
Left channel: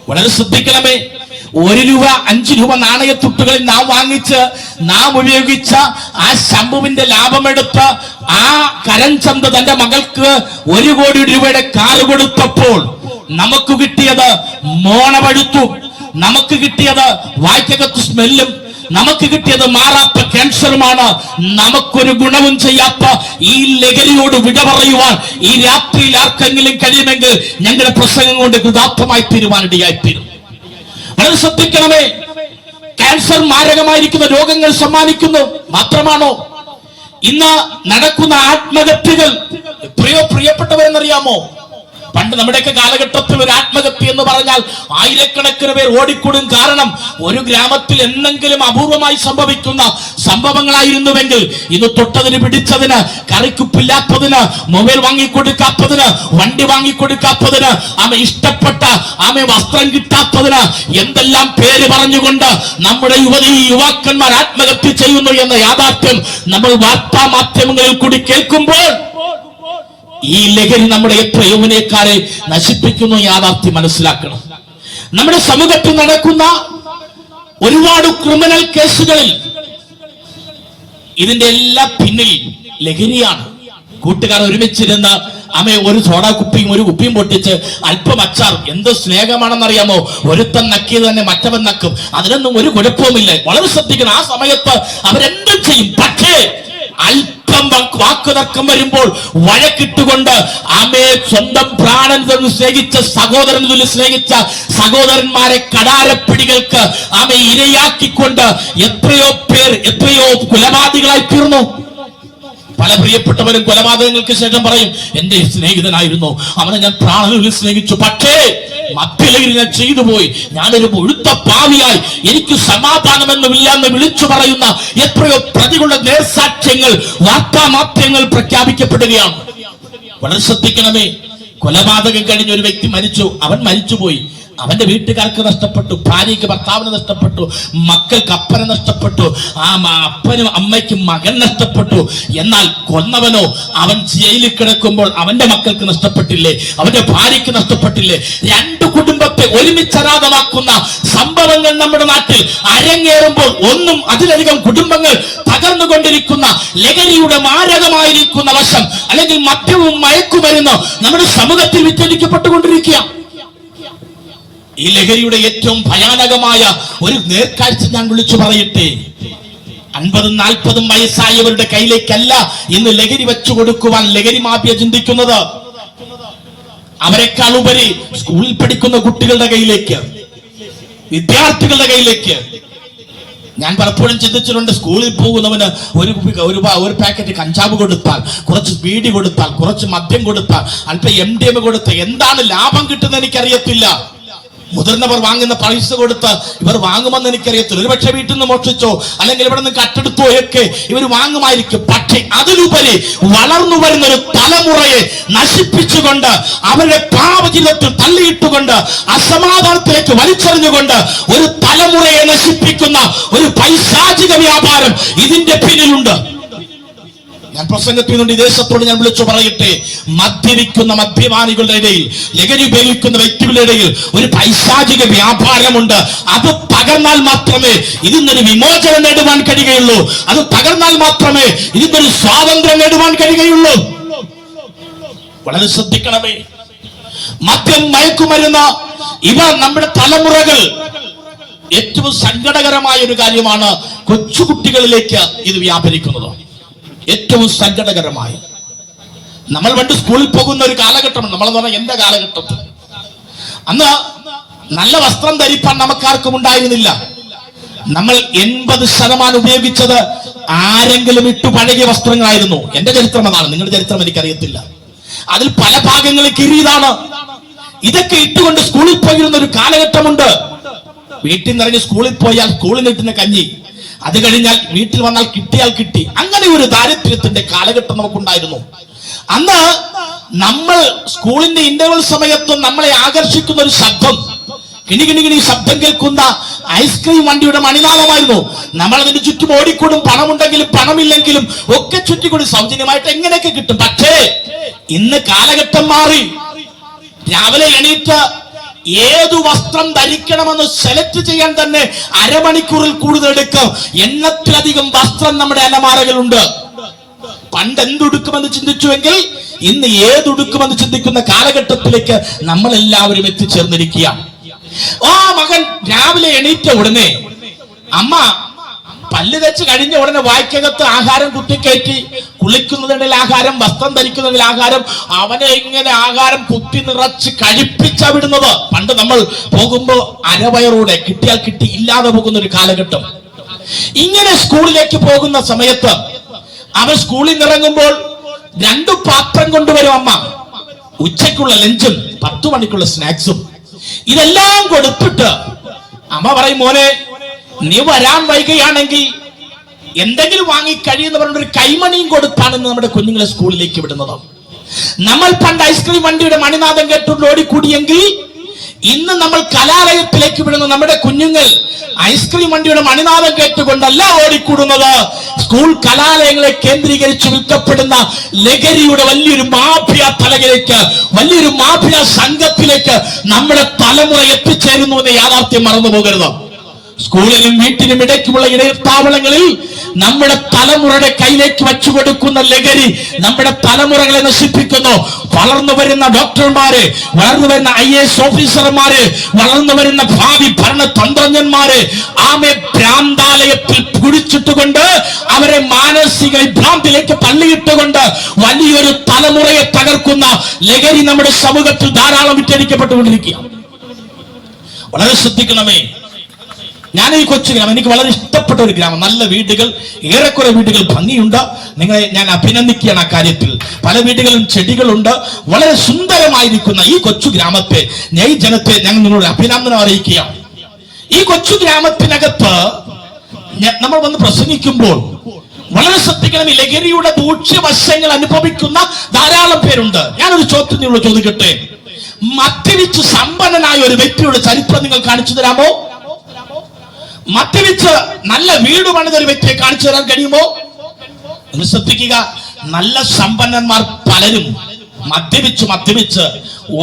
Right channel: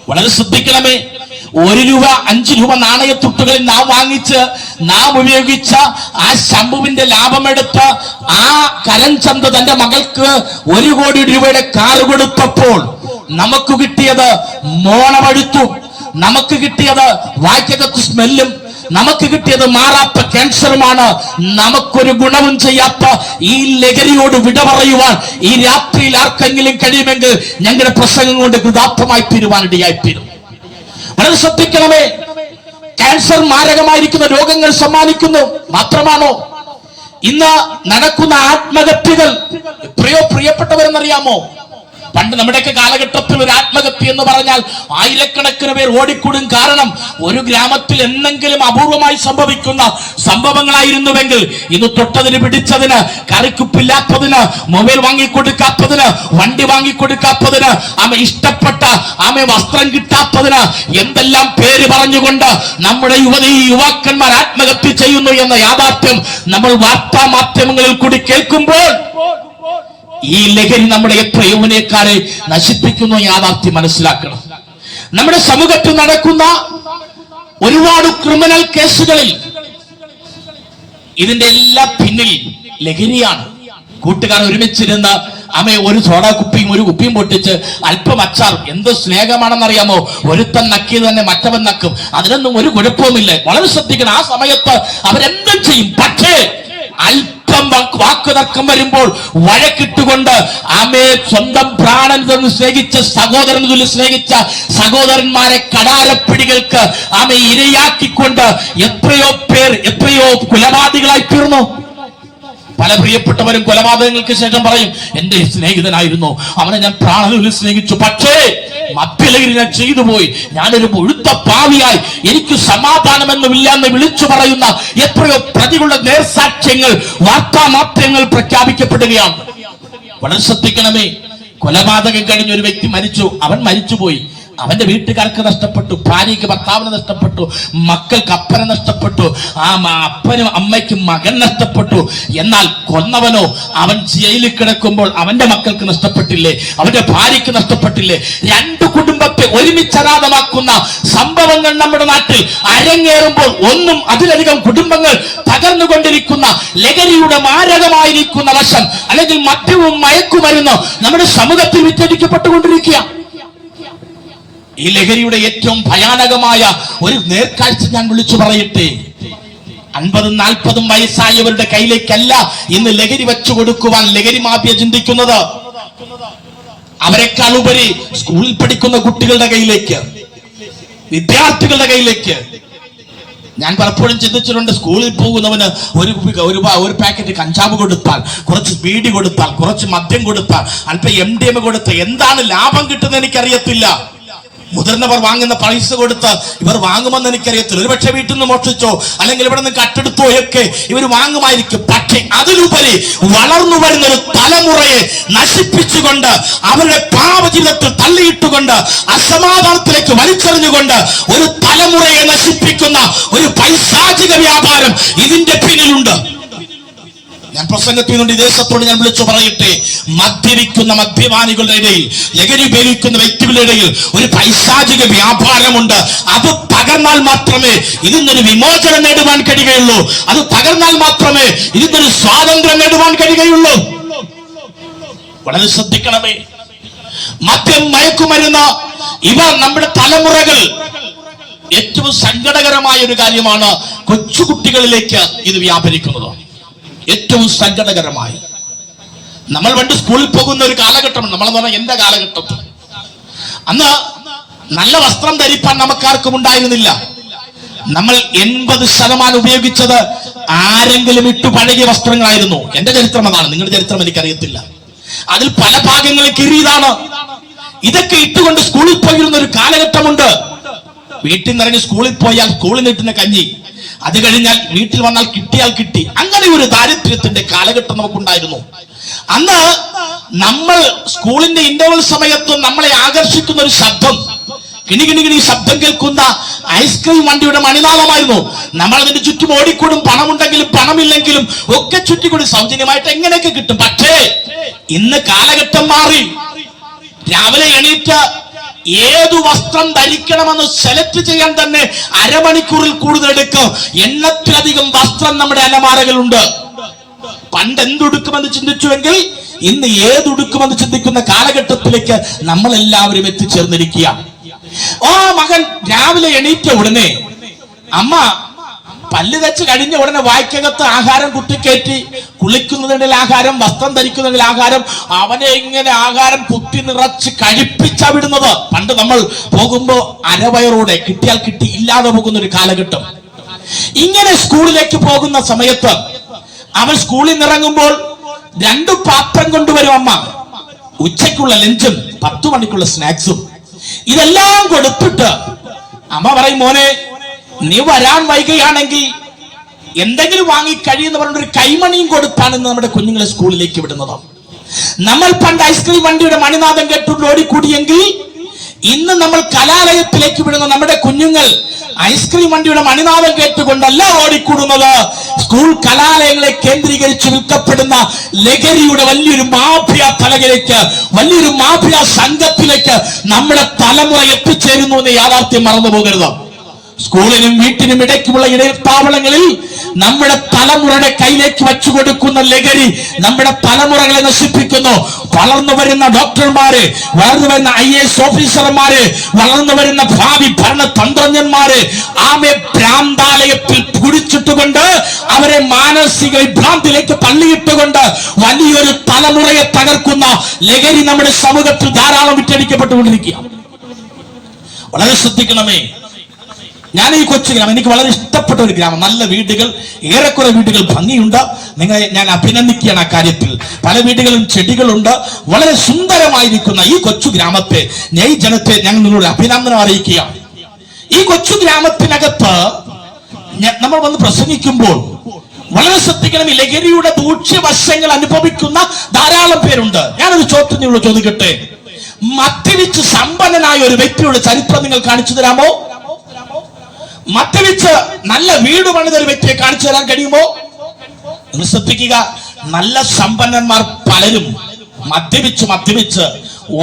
വളരെ ശ്രദ്ധിക്കണമേ. 1 രൂപ, 5 രൂപ നാണയത്തുട്ടുകളിൽ നാം വാങ്ങിച്ച് നാം ഉപയോഗിച്ച ആ ശംഭുവിന്റെ ലാഭമെടുത്ത് ആ കരൺചന്ദ് തന്റെ മകൾക്ക് 1 കോടി രൂപയുടെ കാർ കൊടുത്തപ്പോൾ നമുക്ക് കിട്ടിയത് മോണപഴുത്തും, നമുക്ക് കിട്ടിയത് വായ്ക്കകത്ത് സ്മെല്ലും, നമുക്ക് കിട്ടിയത് മാറാത്ത ക്യാൻസറുമാണ്. നമുക്കൊരു ഗുണവും ചെയ്യാത്ത ഈ ലഹരിയോട് വിട പറയുവാൻ ഈ രാത്രിയിൽ ആർക്കെങ്കിലും കഴിയുമെങ്കിൽ ഞങ്ങളുടെ പ്രസംഗം കൊണ്ട് കൃതാർത്ഥമായി തീരുവാനിടയായിത്തീരും. വളരെ ശ്രദ്ധിക്കണമേ. ക്യാൻസർ മാരകമായിരിക്കുന്ന രോഗങ്ങൾ സമ്മാനിക്കുന്നു. മാത്രമാണോ ഇന്ന് നടക്കുന്ന ആത്മഹത്യകൾ എത്രയോ പ്രിയപ്പെട്ടവരെന്നറിയാമോ? പണ്ട് നമ്മുടെയൊക്കെ കാലഘട്ടത്തിൽ ഒരു ആത്മഹത്യ എന്ന് പറഞ്ഞാൽ ആയിരക്കണക്കിന് പേർ ഓടിക്കൂടും. കാരണം ഒരു ഗ്രാമത്തിൽ എന്തെങ്കിലും അപൂർവമായി സംഭവിക്കുന്ന സംഭവങ്ങളായിരുന്നുവെങ്കിൽ ഇന്ന് തൊട്ടതിന്, പിടിച്ചതിന്, കറിക്കുപ്പില്ലാത്തതിന്, മൊബൈൽ വാങ്ങിക്കൊടുക്കാത്തതിന്, വണ്ടി വാങ്ങിക്കൊടുക്കാത്തതിന്, ഇഷ്ടപ്പെട്ട വസ്ത്രം കിട്ടാത്തതിന് എന്തെല്ലാം പേര് പറഞ്ഞുകൊണ്ട് നമ്മുടെ യുവാക്കന്മാർ ആത്മഹത്യ ചെയ്യുന്നു എന്ന യാഥാർത്ഥ്യം നമ്മൾ വാർത്താ മാധ്യമങ്ങളിൽ കൂടി കേൾക്കുമ്പോൾ ഈ ലഹരി നമ്മുടെ എത്ര യൗവനക്കാരെ നശിപ്പിക്കുന്നു യാഥാർത്ഥ്യം മനസ്സിലാക്കണം. നമ്മുടെ സമൂഹത്തിൽ നടക്കുന്ന ഒരുപാട് ക്രിമിനൽ കേസുകളിൽ ഇതിന്റെ എല്ലാം പിന്നിൽ ലഹരിയാണ്. കൂട്ടുകാർ ഒരുമിച്ചിരുന്ന് ഒരു സോഡ കുപ്പിയും ഒരു കുപ്പിയും പൊട്ടിച്ച് അല്പം അച്ചാറും, എന്ത് സ്നേഹമാണെന്നറിയാമോ? ഒരുത്തൻ നക്കിയത് തന്നെ മറ്റവൻ നക്കും. അതിനൊന്നും ഒരു കുഴപ്പവുമില്ല. വളരെ ശ്രദ്ധിക്കണം. ആ സമയത്ത് അവരെന്തും ചെയ്യും. പക്ഷേ അല്പം വാക്കുതർക്കം വരുമ്പോൾ വഴക്കിട്ടുകൊണ്ട് സ്വന്തം പ്രാണൻ സ്നേഹിച്ച സഹോദരൻ സ്നേഹിച്ച സഹോദരന്മാരെ കടാരപ്പിടികൾക്ക് ഇരയാക്കിക്കൊണ്ട് എത്രയോ കൊലപാതകളായി തീർന്നു. പല പ്രിയപ്പെട്ടവരും കൊലപാതകങ്ങൾക്ക് ശേഷം പറയും, എന്റെ സ്നേഹിതനായിരുന്നു, അവനെ ഞാൻ പ്രാണനിൽ സ്നേഹിച്ചു, പക്ഷേ മദ്യലഹരി ഞാൻ ചെയ്തു പോയി, ഞാനൊരു മുഴുത്ത പാവിയായി, എനിക്ക് സമാധാനമെന്നുമില്ല എന്ന് വിളിച്ചു പറയുന്ന എത്രയോ പ്രതികളുടെ നേർസാക്ഷ്യങ്ങൾ വാർത്താ മാധ്യമങ്ങൾ പ്രഖ്യാപിക്കപ്പെടുകയാണ്. വളരെ ശ്രദ്ധിക്കണമേ. കൊലപാതകം കഴിഞ്ഞ ഒരു വ്യക്തി മരിച്ചു, അവൻ മരിച്ചുപോയി. അവന്റെ വീട്ടുകാർക്ക് നഷ്ടപ്പെട്ടു, ഭാര്യയ്ക്ക് ഭർത്താവിന് നഷ്ടപ്പെട്ടു, മക്കൾക്ക് അപ്പനെ നഷ്ടപ്പെട്ടു, അപ്പനും അമ്മയ്ക്കും മകൻ നഷ്ടപ്പെട്ടു. എന്നാൽ കൊന്നവനോ അവൻ ജയിലിൽ കിടക്കുമ്പോൾ അവന്റെ മക്കൾക്ക് നഷ്ടപ്പെട്ടില്ലേ, അവന്റെ ഭാര്യയ്ക്ക് നഷ്ടപ്പെട്ടില്ലേ? രണ്ട് കുടുംബത്തെ ഒരുമിച്ചരാതമാക്കുന്ന സംഭവങ്ങൾ നമ്മുടെ നാട്ടിൽ അരങ്ങേറുമ്പോൾ ഒന്നും അതിലധികം കുടുംബങ്ങൾ തകർന്നുകൊണ്ടിരിക്കുന്ന ലഹരിയുടെ മാരകമായിരിക്കുന്ന വശം അല്ലെങ്കിൽ മദ്യവും മയക്കുമരുന്ന് നമ്മുടെ സമൂഹത്തിൽ വിറ്റഴിക്കപ്പെട്ടുകൊണ്ടിരിക്കുക. ഈ ലഹരിയുടെ ഏറ്റവും ഭയാനകമായ ഒരു നേർക്കാഴ്ച ഞാൻ വിളിച്ചു പറയട്ടെ. 50-40 വയസ്സായവരുടെ കയ്യിലേക്കല്ല ഇന്ന് ലഹരി വെച്ചു കൊടുക്കുവാൻ ലഹരി മാഫിയ ചിന്തിക്കുന്നത്. അവരെക്കാൾ ഉപരി സ്കൂളിൽ പഠിക്കുന്ന കുട്ടികളുടെ കയ്യിലേക്ക്, വിദ്യാർത്ഥികളുടെ കയ്യിലേക്ക്. ഞാൻ പലപ്പോഴും ചിന്തിച്ചിട്ടുണ്ട്, സ്കൂളിൽ പോകുന്നവന് ഒരു പാക്കറ്റ് കഞ്ചാവ് കൊടുത്താൽ, കുറച്ച് ബീഡി കൊടുത്താൽ, കുറച്ച് മദ്യം കൊടുത്താൽ, അല്പം MDMA കൊടുത്താൽ എന്താണ് ലാഭം കിട്ടുന്നത് എനിക്കറിയത്തില്ല. മുതിർന്നവർ വാങ്ങുന്ന പൈസ കൊടുത്ത് ഇവർ വാങ്ങുമെന്ന് എനിക്കറിയത്തില്ല. ഒരുപക്ഷെ വീട്ടിൽ നിന്ന് മോഷ്ടിച്ചോ അല്ലെങ്കിൽ ഇവിടെ നിന്ന് കട്ടെടുത്തോ ഒക്കെ ഇവർ വാങ്ങുമായിരിക്കും. പക്ഷേ അതിലുപരി വളർന്നു വരുന്ന ഒരു തലമുറയെ നശിപ്പിച്ചുകൊണ്ട് അവരുടെ പാപജീവിതത്തിൽ തള്ളിയിട്ടുകൊണ്ട് അസമാധാനത്തിലേക്ക് വലിച്ചെറിഞ്ഞുകൊണ്ട് ഒരു തലമുറയെ നശിപ്പിക്കുന്ന ഒരു പൈശാചിക വ്യാപാരം ഇതിന്റെ പിന്നിലുണ്ട്. ഞാൻ പ്രസംഗത്തിൽ നിന്ന് ദേശത്തോട് ഞാൻ വിളിച്ചു പറയട്ടെ, മദ്യപിക്കുന്ന മദ്യപാനികളുടെ ഇടയിൽ, ലഹരി ഉപയോഗിക്കുന്ന വ്യക്തികളുടെ ഇടയിൽ ഒരു പൈശാചിക വ്യാപാരമുണ്ട്. അത് തകർന്നാൽ മാത്രമേ ഇതിനൊരു വിമോചനം നേടുവാൻ കഴിയുകയുള്ളൂ. അത് തകർന്നാൽ മാത്രമേ ഇതിനൊരു സ്വാതന്ത്ര്യം നേടുവാൻ കഴിയുകയുള്ളൂ. വളരെ ശ്രദ്ധിക്കണമേ. മദ്യം, മയക്കുമരുന്ന് ഇവ നമ്മുടെ തലമുറകൾ ഏറ്റവും സങ്കടകരമായ ഒരു കാര്യമാണ്. കൊച്ചുകുട്ടികളിലേക്ക് ഇത് വ്യാപരിക്കുന്നത് ഏറ്റവും സങ്കടകരമായി. നമ്മൾ പണ്ട് സ്കൂളിൽ പോകുന്ന ഒരു കാലഘട്ടം, നമ്മളെന്ന് പറഞ്ഞാൽ എന്റെ കാലഘട്ടത്തിൽ അന്ന് നല്ല വസ്ത്രം ധരിപ്പാൻ നമുക്കാർക്കും ഉണ്ടായിരുന്നില്ല. നമ്മൾ 80% ഉപയോഗിച്ചത് ആരെങ്കിലും ഇട്ടു പഴകിയ വസ്ത്രങ്ങളായിരുന്നു. എന്റെ ചരിത്രം അതാണ്, നിങ്ങളുടെ ചരിത്രം എനിക്കറിയത്തില്ല. അതിൽ പല ഭാഗങ്ങളിൽ കീറിയതാണ്. ഇതൊക്കെ ഇട്ടുകൊണ്ട് സ്കൂളിൽ പോയിരുന്ന ഒരു കാലഘട്ടമുണ്ട്. വീട്ടിൽ നിന്ന് ഇറങ്ങി സ്കൂളിൽ പോയാൽ സ്കൂളിൽ കിട്ടുന്ന കഞ്ഞി, അത് കഴിഞ്ഞാൽ വീട്ടിൽ വന്നാൽ കിട്ടിയാൽ കിട്ടി. അങ്ങനെ ഒരു ദാരിദ്ര്യത്തിന്റെ കാലഘട്ടം നമുക്കുണ്ടായിരുന്നു. അന്ന് നമ്മൾ സ്കൂളിന്റെ ഇന്റർവെൽ സമയത്തും നമ്മളെ ആകർഷിക്കുന്ന ഒരു ശബ്ദം, കിണികിണികിണി ശബ്ദം കേൾക്കുന്ന ഐസ്ക്രീം വണ്ടിയുടെ മണിനാഥമായിരുന്നു. നമ്മൾ അതിന്റെ ചുറ്റും ഓടിക്കൂടും. പണമുണ്ടെങ്കിലും പണമില്ലെങ്കിലും ഒക്കെ ചുറ്റിക്കൂടി സൗജന്യമായിട്ട് എങ്ങനെയൊക്കെ കിട്ടും. പക്ഷേ ഇന്ന് കാലഘട്ടം മാറി. രാവിലെ എണീറ്റ് ഏതു വസ്ത്രം ധരിക്കണമെന്ന് സെലക്ട് ചെയ്യാൻ തന്നെ അരമണിക്കൂറിൽ കൂടുതൽ എടുക്കും. എണ്ണത്തിലധികം വസ്ത്രം നമ്മുടെ അലമാരകളുണ്ട്. പണ്ട് എന്തുടുക്കുമെന്ന് ചിന്തിച്ചുവെങ്കിൽ ഇന്ന് ഏതുടുക്കുമെന്ന് ചിന്തിക്കുന്ന കാലഘട്ടത്തിലേക്ക് നമ്മളെല്ലാവരും എത്തിച്ചേർന്നിരിക്കുക. മകൻ രാവിലെ എണീറ്റ ഉടനെ അമ്മ പല്ല് വെച്ച് കഴിഞ്ഞ ഉടനെ വായ്ക്കകത്ത് ആഹാരം കുത്തിക്കയറ്റി, കുളിക്കുന്നതിനിടയിൽ ആഹാരം, വസ്ത്രം ധരിക്കുന്നതിൽ ആഹാരം, അവനെ ഇങ്ങനെ ആഹാരം കുത്തി നിറച്ച് കഴിപ്പിച്ചാ വിടുന്നത്. പണ്ട് നമ്മൾ പോകുമ്പോ അരവയറോടെ കിട്ടിയാൽ കിട്ടി, ഇല്ലാതെ പോകുന്ന ഒരു കാലഘട്ടം. ഇങ്ങനെ സ്കൂളിലേക്ക് പോകുന്ന സമയത്ത് അവൻ സ്കൂളിൽ നിന്ന് ഇറങ്ങുമ്പോൾ 2 പാത്രം കൊണ്ടുവരും അമ്മ. ഉച്ചയ്ക്കുള്ള ലഞ്ചും 10 മണിക്കുള്ള സ്നാക്സും ഇതെല്ലാം കൊടുത്തിട്ട് അമ്മ പറയും, മോനെ നീ വരാൻ വൈകുകയാണെങ്കിൽ എന്തെങ്കിലും വാങ്ങി കഴിയുന്ന പറഞ്ഞൊരു കൈമണിയും കൊടുത്താണ് ഇന്ന് നമ്മുടെ കുഞ്ഞുങ്ങളെ സ്കൂളിലേക്ക് വിടുന്നത്. നമ്മൾ പണ്ട് ഐസ്ക്രീം വണ്ടിയുടെ മണിനാഥം കേട്ടുകൊണ്ട് ഓടിക്കൂടിയെങ്കിൽ ഇന്ന് നമ്മൾ കലാലയത്തിലേക്ക് വിടുന്ന നമ്മുടെ കുഞ്ഞുങ്ങൾ ഐസ്ക്രീം വണ്ടിയുടെ മണിനാഥം കേട്ടുകൊണ്ടല്ല ഓടിക്കൂടുന്നത്. സ്കൂൾ കലാലയങ്ങളെ കേന്ദ്രീകരിച്ച് വിൽക്കപ്പെടുന്ന ലഹരിയുടെ വലിയൊരു മാഫിയ തലകിലേക്ക്, വലിയൊരു മാഫിയ സംഘത്തിലേക്ക് നമ്മുടെ തലമുറ എത്തിച്ചേരുന്നു എന്ന യാഥാർത്ഥ്യം മറന്നു പോകരുത്. സ്കൂളിനും വീട്ടിനും ഇടയ്ക്കുമുള്ള ഇടത്താവളങ്ങളിൽ നമ്മുടെ തലമുറയുടെ കയ്യിലേക്ക് വച്ചു കൊടുക്കുന്ന ലഹരി നമ്മുടെ തലമുറകളെ നശിപ്പിക്കുന്നു. വളർന്നു വരുന്ന ഡോക്ടർമാര്, വളർന്നു വരുന്ന IAS ഓഫീസർമാര്, വളർന്നു വരുന്ന ഭാവി ഭരണതന്ത്രജ്ഞന്മാര് ആമെ ഭ്രാന്താലയത്തിൽ കുടിച്ചിട്ടുകൊണ്ട് അവരെ മാനസിക വിഭ്രാന്തിയിലേക്ക് തള്ളിയിട്ടുകൊണ്ട് വലിയൊരു തലമുറയെ തകർക്കുന്ന ലഹരി നമ്മുടെ സമൂഹത്തിൽ ധാരാളം വിറ്റഴിക്കപ്പെട്ടുകൊണ്ടിരിക്കുക. വളരെ ശ്രദ്ധിക്കണമേ. ഞാൻ ഈ കൊച്ചു ഗ്രാമം, എനിക്ക് വളരെ ഇഷ്ടപ്പെട്ട ഒരു ഗ്രാമം, നല്ല വീടുകൾ, ഏറെക്കുറെ വീടുകൾ ഭംഗിയുണ്ട്. നിങ്ങളെ ഞാൻ അഭിനന്ദിക്കുകയാണ് ആ കാര്യത്തിൽ. പല വീടുകളും ചെടികളുണ്ട്. വളരെ സുന്ദരമായിരിക്കുന്ന ഈ കൊച്ചു ഗ്രാമത്തെ, ഈ ജനത്തെ ഞാൻ നിങ്ങളോട് അഭിനന്ദനം അറിയിക്കുകയാണ്. ഈ കൊച്ചു ഗ്രാമത്തിനകത്ത് നമ്മൾ വന്ന് പ്രസംഗിക്കുമ്പോൾ വളരെ ശ്രദ്ധിക്കണം. ഈ ലഹരിയുടെ ദൂഷ്യവശങ്ങൾ അനുഭവിക്കുന്ന ധാരാളം പേരുണ്ട്. ഞാനൊരു ചോദ്യം നിങ്ങളോട് ചോദിക്കട്ടെ, മദ്യപിച്ച് സമ്പന്നനായ ഒരു വ്യക്തിയുടെ ചരിത്രം നിങ്ങൾ കാണിച്ചു തരാമോ? മദ്യപിച്ച് നല്ല വീട് പണിത ഒരു വ്യക്തിയെ കാണിച്ചു തരാൻ കഴിയുമോ? നിങ്ങൾ ശ്രദ്ധിക്കുക, നല്ല സമ്പന്നന്മാർ പലരും മദ്യപിച്ച്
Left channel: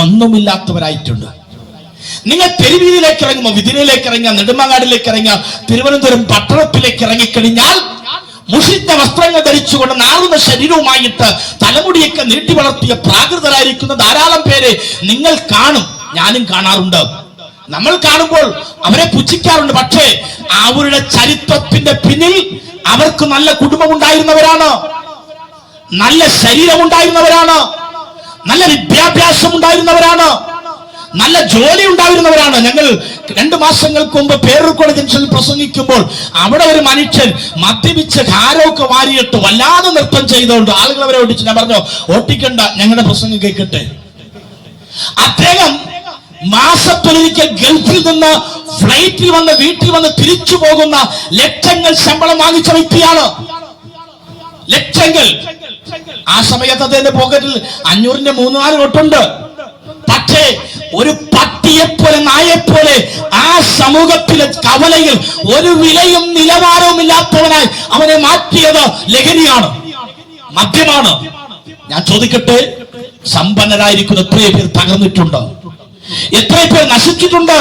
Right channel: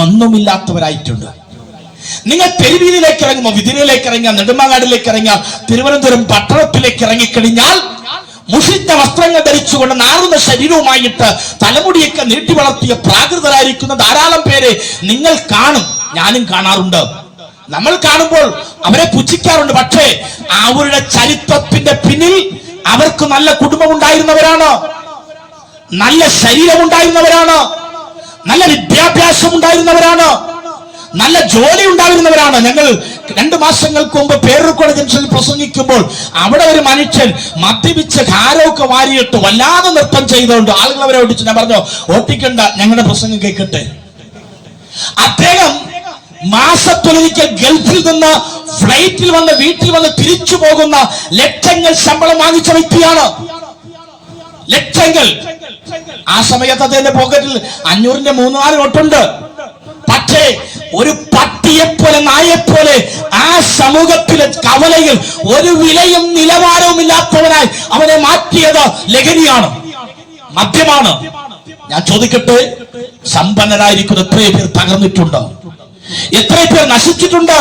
ഒന്നുമില്ലാത്തവരായിട്ടുണ്ട്. നിങ്ങൾ തെരുവീതിയിലേക്ക് ഇറങ്ങുമ്പോൾ, വിതിരയിലേക്ക് ഇറങ്ങുക, നെടുമങ്ങാടിലേക്ക് ഇറങ്ങുക, തിരുവനന്തപുരം പട്ടണത്തിലേക്ക് ഇറങ്ങിക്കഴിഞ്ഞാൽ മുഷിഞ്ഞ വസ്ത്രങ്ങൾ ധരിച്ചുകൊണ്ട് നാറുന്ന ശരീരവുമായിട്ട് തലമുടിയൊക്കെ നീട്ടി വളർത്തിയ പ്രാകൃതരായിരിക്കുന്ന ധാരാളം പേരെ നിങ്ങൾ കാണും. ഞാനും കാണാറുണ്ട്. നമ്മൾ കാണുമ്പോൾ അവരെ പുച്ഛിക്കാറുണ്ട്. പക്ഷേ അവരുടെ ചരിത്രത്തിന്റെ പിന്നിൽ അവർക്ക് നല്ല കുടുംബം ഉണ്ടായിരുന്നവരാണ്, നല്ല ശരീരം ഉണ്ടായിരുന്നവരാണ്, നല്ല വിദ്യാഭ്യാസം ഉണ്ടായിരുന്നവരാണ്, നല്ല ജോലി ഉണ്ടായിരുന്നവരാണ്. ഞങ്ങൾ 2 മാസങ്ങൾക്ക് മുമ്പ് പേരൂർക്കോട് ജംഗ്ഷനിൽ പ്രസംഗിക്കുമ്പോൾ അവിടെ ഒരു മനുഷ്യൻ മദ്യപിച്ച് ഹാരമൊക്കെ വാരിയിട്ട് വല്ലാതെ നൃത്തം ചെയ്തുകൊണ്ട് ആളുകൾ അവരെ ഓടിച്ചു. ഞാൻ പറഞ്ഞു, ഓട്ടിക്കണ്ട, ഞങ്ങളുടെ പ്രസംഗം കേൾക്കട്ടെ. അദ്ദേഹം മാസത്തിലൊരിക്കൽ ഗൾഫിൽ നിന്ന് ഫ്ലൈറ്റിൽ വന്ന് വീട്ടിൽ വന്ന് തിരിച്ചു പോകുന്ന ലക്ഷങ്ങൾ ശമ്പളം വാങ്ങിച്ച വ്യക്തിയാണ്. ലക്ഷങ്ങൾ. ആ സമയത്ത് അദ്ദേഹത്തിന്റെ പോക്കറ്റിൽ 500ന്റെ 3-4 നോട്ടുണ്ട്. പക്ഷേ ഒരു പട്ടിയെപ്പോലെ, നായെപ്പോലെ ആ സമൂഹത്തിലെ കവലയിൽ ഒരു വിലയും നിലവാരവും ഇല്ലാത്തവനായി അവനെ മാറ്റിയത് ലഹരിയാണ്, മദ്യമാണ്. ഞാൻ ചോദിക്കട്ടെ, സമ്പന്നരായിരിക്കുന്ന എത്രയോ പേർ തകർന്നിട്ടുണ്ട്, എത്രയോ പേർ നശിച്ചിട്ടുണ്ട്.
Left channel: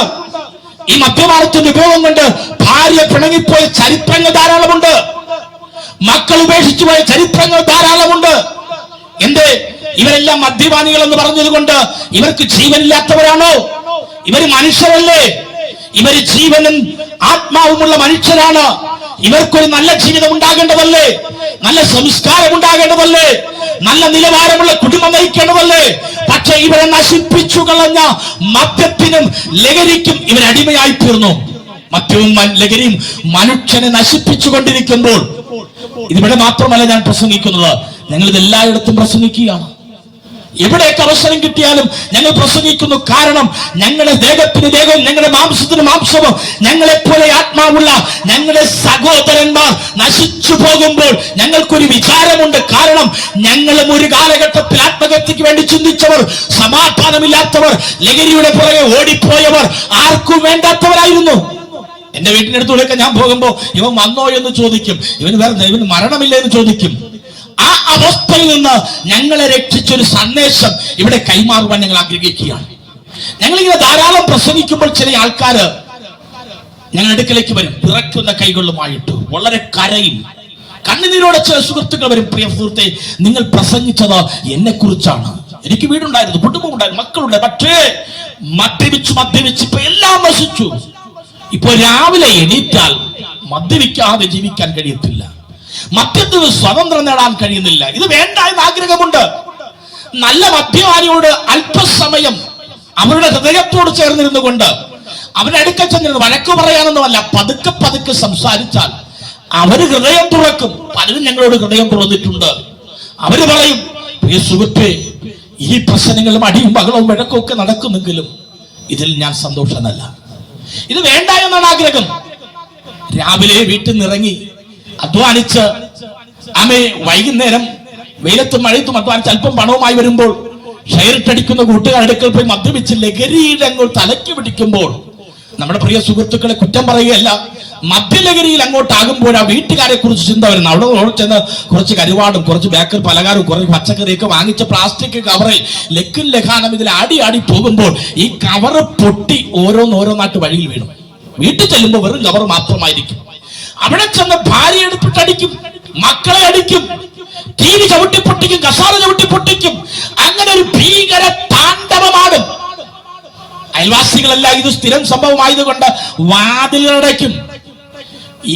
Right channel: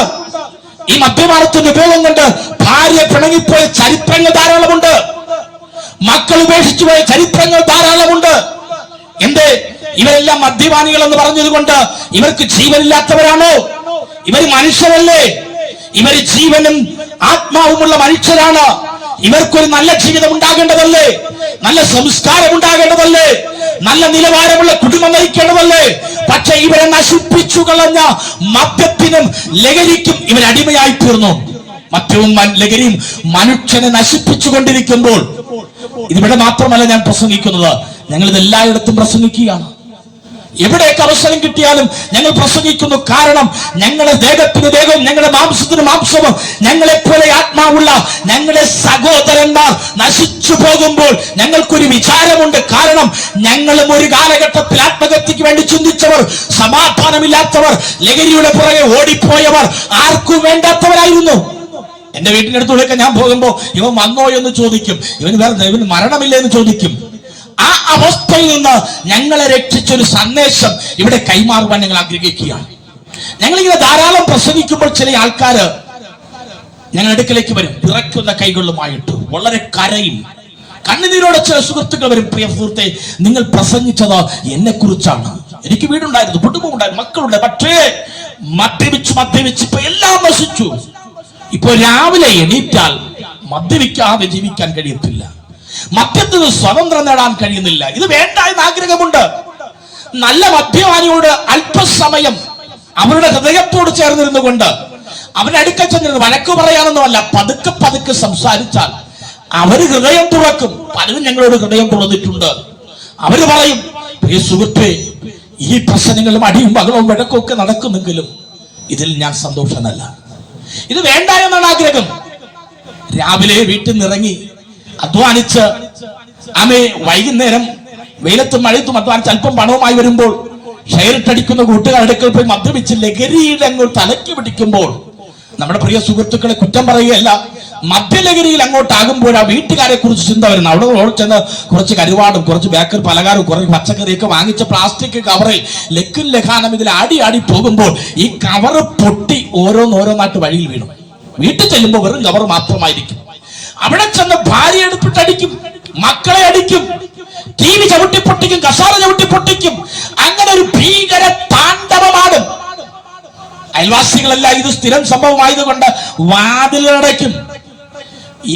ഈ മദ്യപാനത്തിന്റെ ഉപയോഗം കൊണ്ട് ഭാര്യ പിണങ്ങിപ്പോയ ചരിത്രങ്ങൾ ധാരാളമുണ്ട്, മക്കൾ ഉപേക്ഷിച്ചു പോയ ചരിത്രങ്ങൾ ധാരാളമുണ്ട്. എന്തേ? ഇവരെല്ലാം മദ്യപാനികൾ എന്ന് പറഞ്ഞത് കൊണ്ട് ഇവർക്ക് ജീവനില്ലാത്തവരാണോ? ഇവർ മനുഷ്യരല്ലേ? ഇവർ ജീവനും ആത്മാവുമുള്ള മനുഷ്യരാണ്. ഇവർക്കൊരു നല്ല ജീവിതം ഉണ്ടാകേണ്ടതല്ലേ? നല്ല സംസ്കാരം ഉണ്ടാകേണ്ടതല്ലേ? നല്ല നിലവാരമുള്ള കുടുംബം നയിക്കേണ്ടതല്ലേ? പക്ഷെ ഇവരെ നശിപ്പിച്ചു കളഞ്ഞ മദ്യത്തിനും ലഹരിക്കും ഇവരടിമയായി തീർന്നു. മദ്യവും ലഹരിയും മനുഷ്യനെ നശിപ്പിച്ചു കൊണ്ടിരിക്കുമ്പോൾ, ഇതിവിടെ മാത്രമല്ല ഞാൻ പ്രസംഗിക്കുന്നത്, ഞങ്ങൾ ഇത് എല്ലായിടത്തും പ്രസംഗിക്കുകയാണ്. എവിടെയൊക്കെ അവസരം കിട്ടിയാലും ഞങ്ങൾ പ്രസംഗിക്കുന്നു. കാരണം ഞങ്ങളുടെ ദേഹത്തിന് ദേഹവും ഞങ്ങളുടെ മാംസത്തിന് മാംസവും ഞങ്ങളെപ്പോലെ ആത്മാവുള്ള ഞങ്ങളുടെ സഹോദരന്മാർ നശിച്ചു പോകുമ്പോൾ ഞങ്ങൾക്കൊരു വിചാരമുണ്ട്. കാരണം ഞങ്ങളും ഒരു കാലഘട്ടത്തിൽ ആത്മഹത്യക്ക് വേണ്ടി ചിന്തിച്ചവർ, സമാധാനമില്ലാത്തവർ, ലഹരിയുടെ പുറകെ ഓടിപ്പോയവർ, ആർക്കും വേണ്ടാത്തവരായിരുന്നു. എന്റെ വീട്ടിനടുത്തൂടെയൊക്കെ ഞാൻ പോകുമ്പോ ഇവൻ വന്നോ എന്ന് ചോദിക്കും, ഇവന് മരണമില്ല എന്ന് ചോദിക്കും. ആ അവസ്ഥയിൽ നിന്ന് ഞങ്ങളെ രക്ഷിച്ചൊരു സന്ദേശം ഇവിടെ കൈമാറുവാൻ ഞങ്ങൾ ആഗ്രഹിക്കുകയാണ്. ഞങ്ങളിങ്ങനെ ധാരാളം പ്രസംഗിക്കുമ്പോൾ ചില ആൾക്കാര് ഞങ്ങളുടെ അടുക്കലേക്ക് വരും, പിറക്കുന്ന കൈകളുമായിട്ട് വളരെ കരയും, കണ്ണുനീരോടെ ചില സുഹൃത്തുക്കൾ വരും. പ്രിയ സുഹൃത്തെ, നിങ്ങൾ പ്രസംഗിച്ചത് എന്നെ കുറിച്ചാണ്. എനിക്ക് വീടുണ്ടായിരുന്നു, കുടുംബമുണ്ടായിരുന്നു, മക്കളുണ്ട്. പക്ഷേ മദ്യപിച്ച് ഇപ്പൊ എല്ലാം നശിച്ചു. ഇപ്പൊ രാവിലെ എണീറ്റാൽ മദ്യപിക്കാതെ ജീവിക്കാൻ കഴിയത്തില്ല, മദ്യത്തിന് സ്വതന്ത്രം നേടാൻ കഴിയുന്നില്ല. ഇത് വേണ്ട എന്ന് ആഗ്രഹമുണ്ട്. നല്ല മദ്യപാനിയോട് അല്പസമയം അവരുടെ ഹൃദയത്തോട് ചേർന്നിരുന്നു കൊണ്ട് അവരുടെ അടുക്കൽ ചെന്നിരുന്ന് വഴക്ക് പറയാനൊന്നുമല്ല, പതുക്കെ പതുക്കെ സംസാരിച്ചാൽ അവര് ഹൃദയം തുറക്കും. പലരും ഞങ്ങളോട് ഹൃദയം തുറന്നിട്ടുണ്ട്. അവര് പറയും, പ്രിയ സുഹൃത്തേ, ഈ പ്രശ്നങ്ങളും അടിയും ബഹളവും വഴക്കും ഒക്കെ നടക്കുന്നെങ്കിലും ഇതിൽ ഞാൻ സന്തോഷമല്ല. ഇത് വേണ്ട എന്നാണ് ആഗ്രഹം. രാവിലെ വീട്ടിൽ നിന്നിറങ്ങി അധ്വാനിച്ച് വൈകുന്നേരം വെയിലത്തും മഴയത്തും അധ്വാനിച്ച് അല്പം പണവുമായി വരുമ്പോൾ ഷെയറിട്ടടിക്കുന്ന കൂട്ടുകാരുടെ അടുക്കൽ പോയി മദ്യപിച്ച് ലഹരിയിൽ അങ്ങോട്ട് തലയ്ക്ക് പിടിക്കുമ്പോൾ, നമ്മുടെ പ്രിയ സുഹൃത്തുക്കളെ കുറ്റം പറയുകയല്ല, മദ്യലഹരിയിൽ അങ്ങോട്ടാകുമ്പോൾ ആ വീട്ടുകാരെ കുറിച്ച് ചിന്ത വരുന്നു. അവിടെ ചെന്ന് കുറച്ച് കരുവാടും കുറച്ച് ബേക്കറി പലഹാരവും കുറച്ച് പച്ചക്കറിയൊക്കെ വാങ്ങിച്ച പ്ലാസ്റ്റിക് കവറിൽ ലക്കും ലഖാനം ഇതിൽ ആടി പോകുമ്പോൾ ഈ കവറ് പൊട്ടി ഓരോന്നോരോന്നായിട്ട് വഴിയിൽ വീണു. വീട്ടിൽ ചെല്ലുമ്പോൾ വെറും കവർ മാത്രമായിരിക്കും. അവിടെ ചെന്ന് ഭാര്യ എടുത്തിട്ടടിക്കും, മക്കളെ അടിക്കും, ടി വി ചവിട്ടിപ്പൊട്ടിക്കും, കസാല ചവിട്ടിപ്പൊട്ടിക്കും. അങ്ങനെ ഒരു ഭീകര താണ്ഡവമാടും. അയൽവാസികളെല്ലാം ഇത് സ്ഥിരം സംഭവമായതുകൊണ്ട് വാതിലടയ്ക്കും.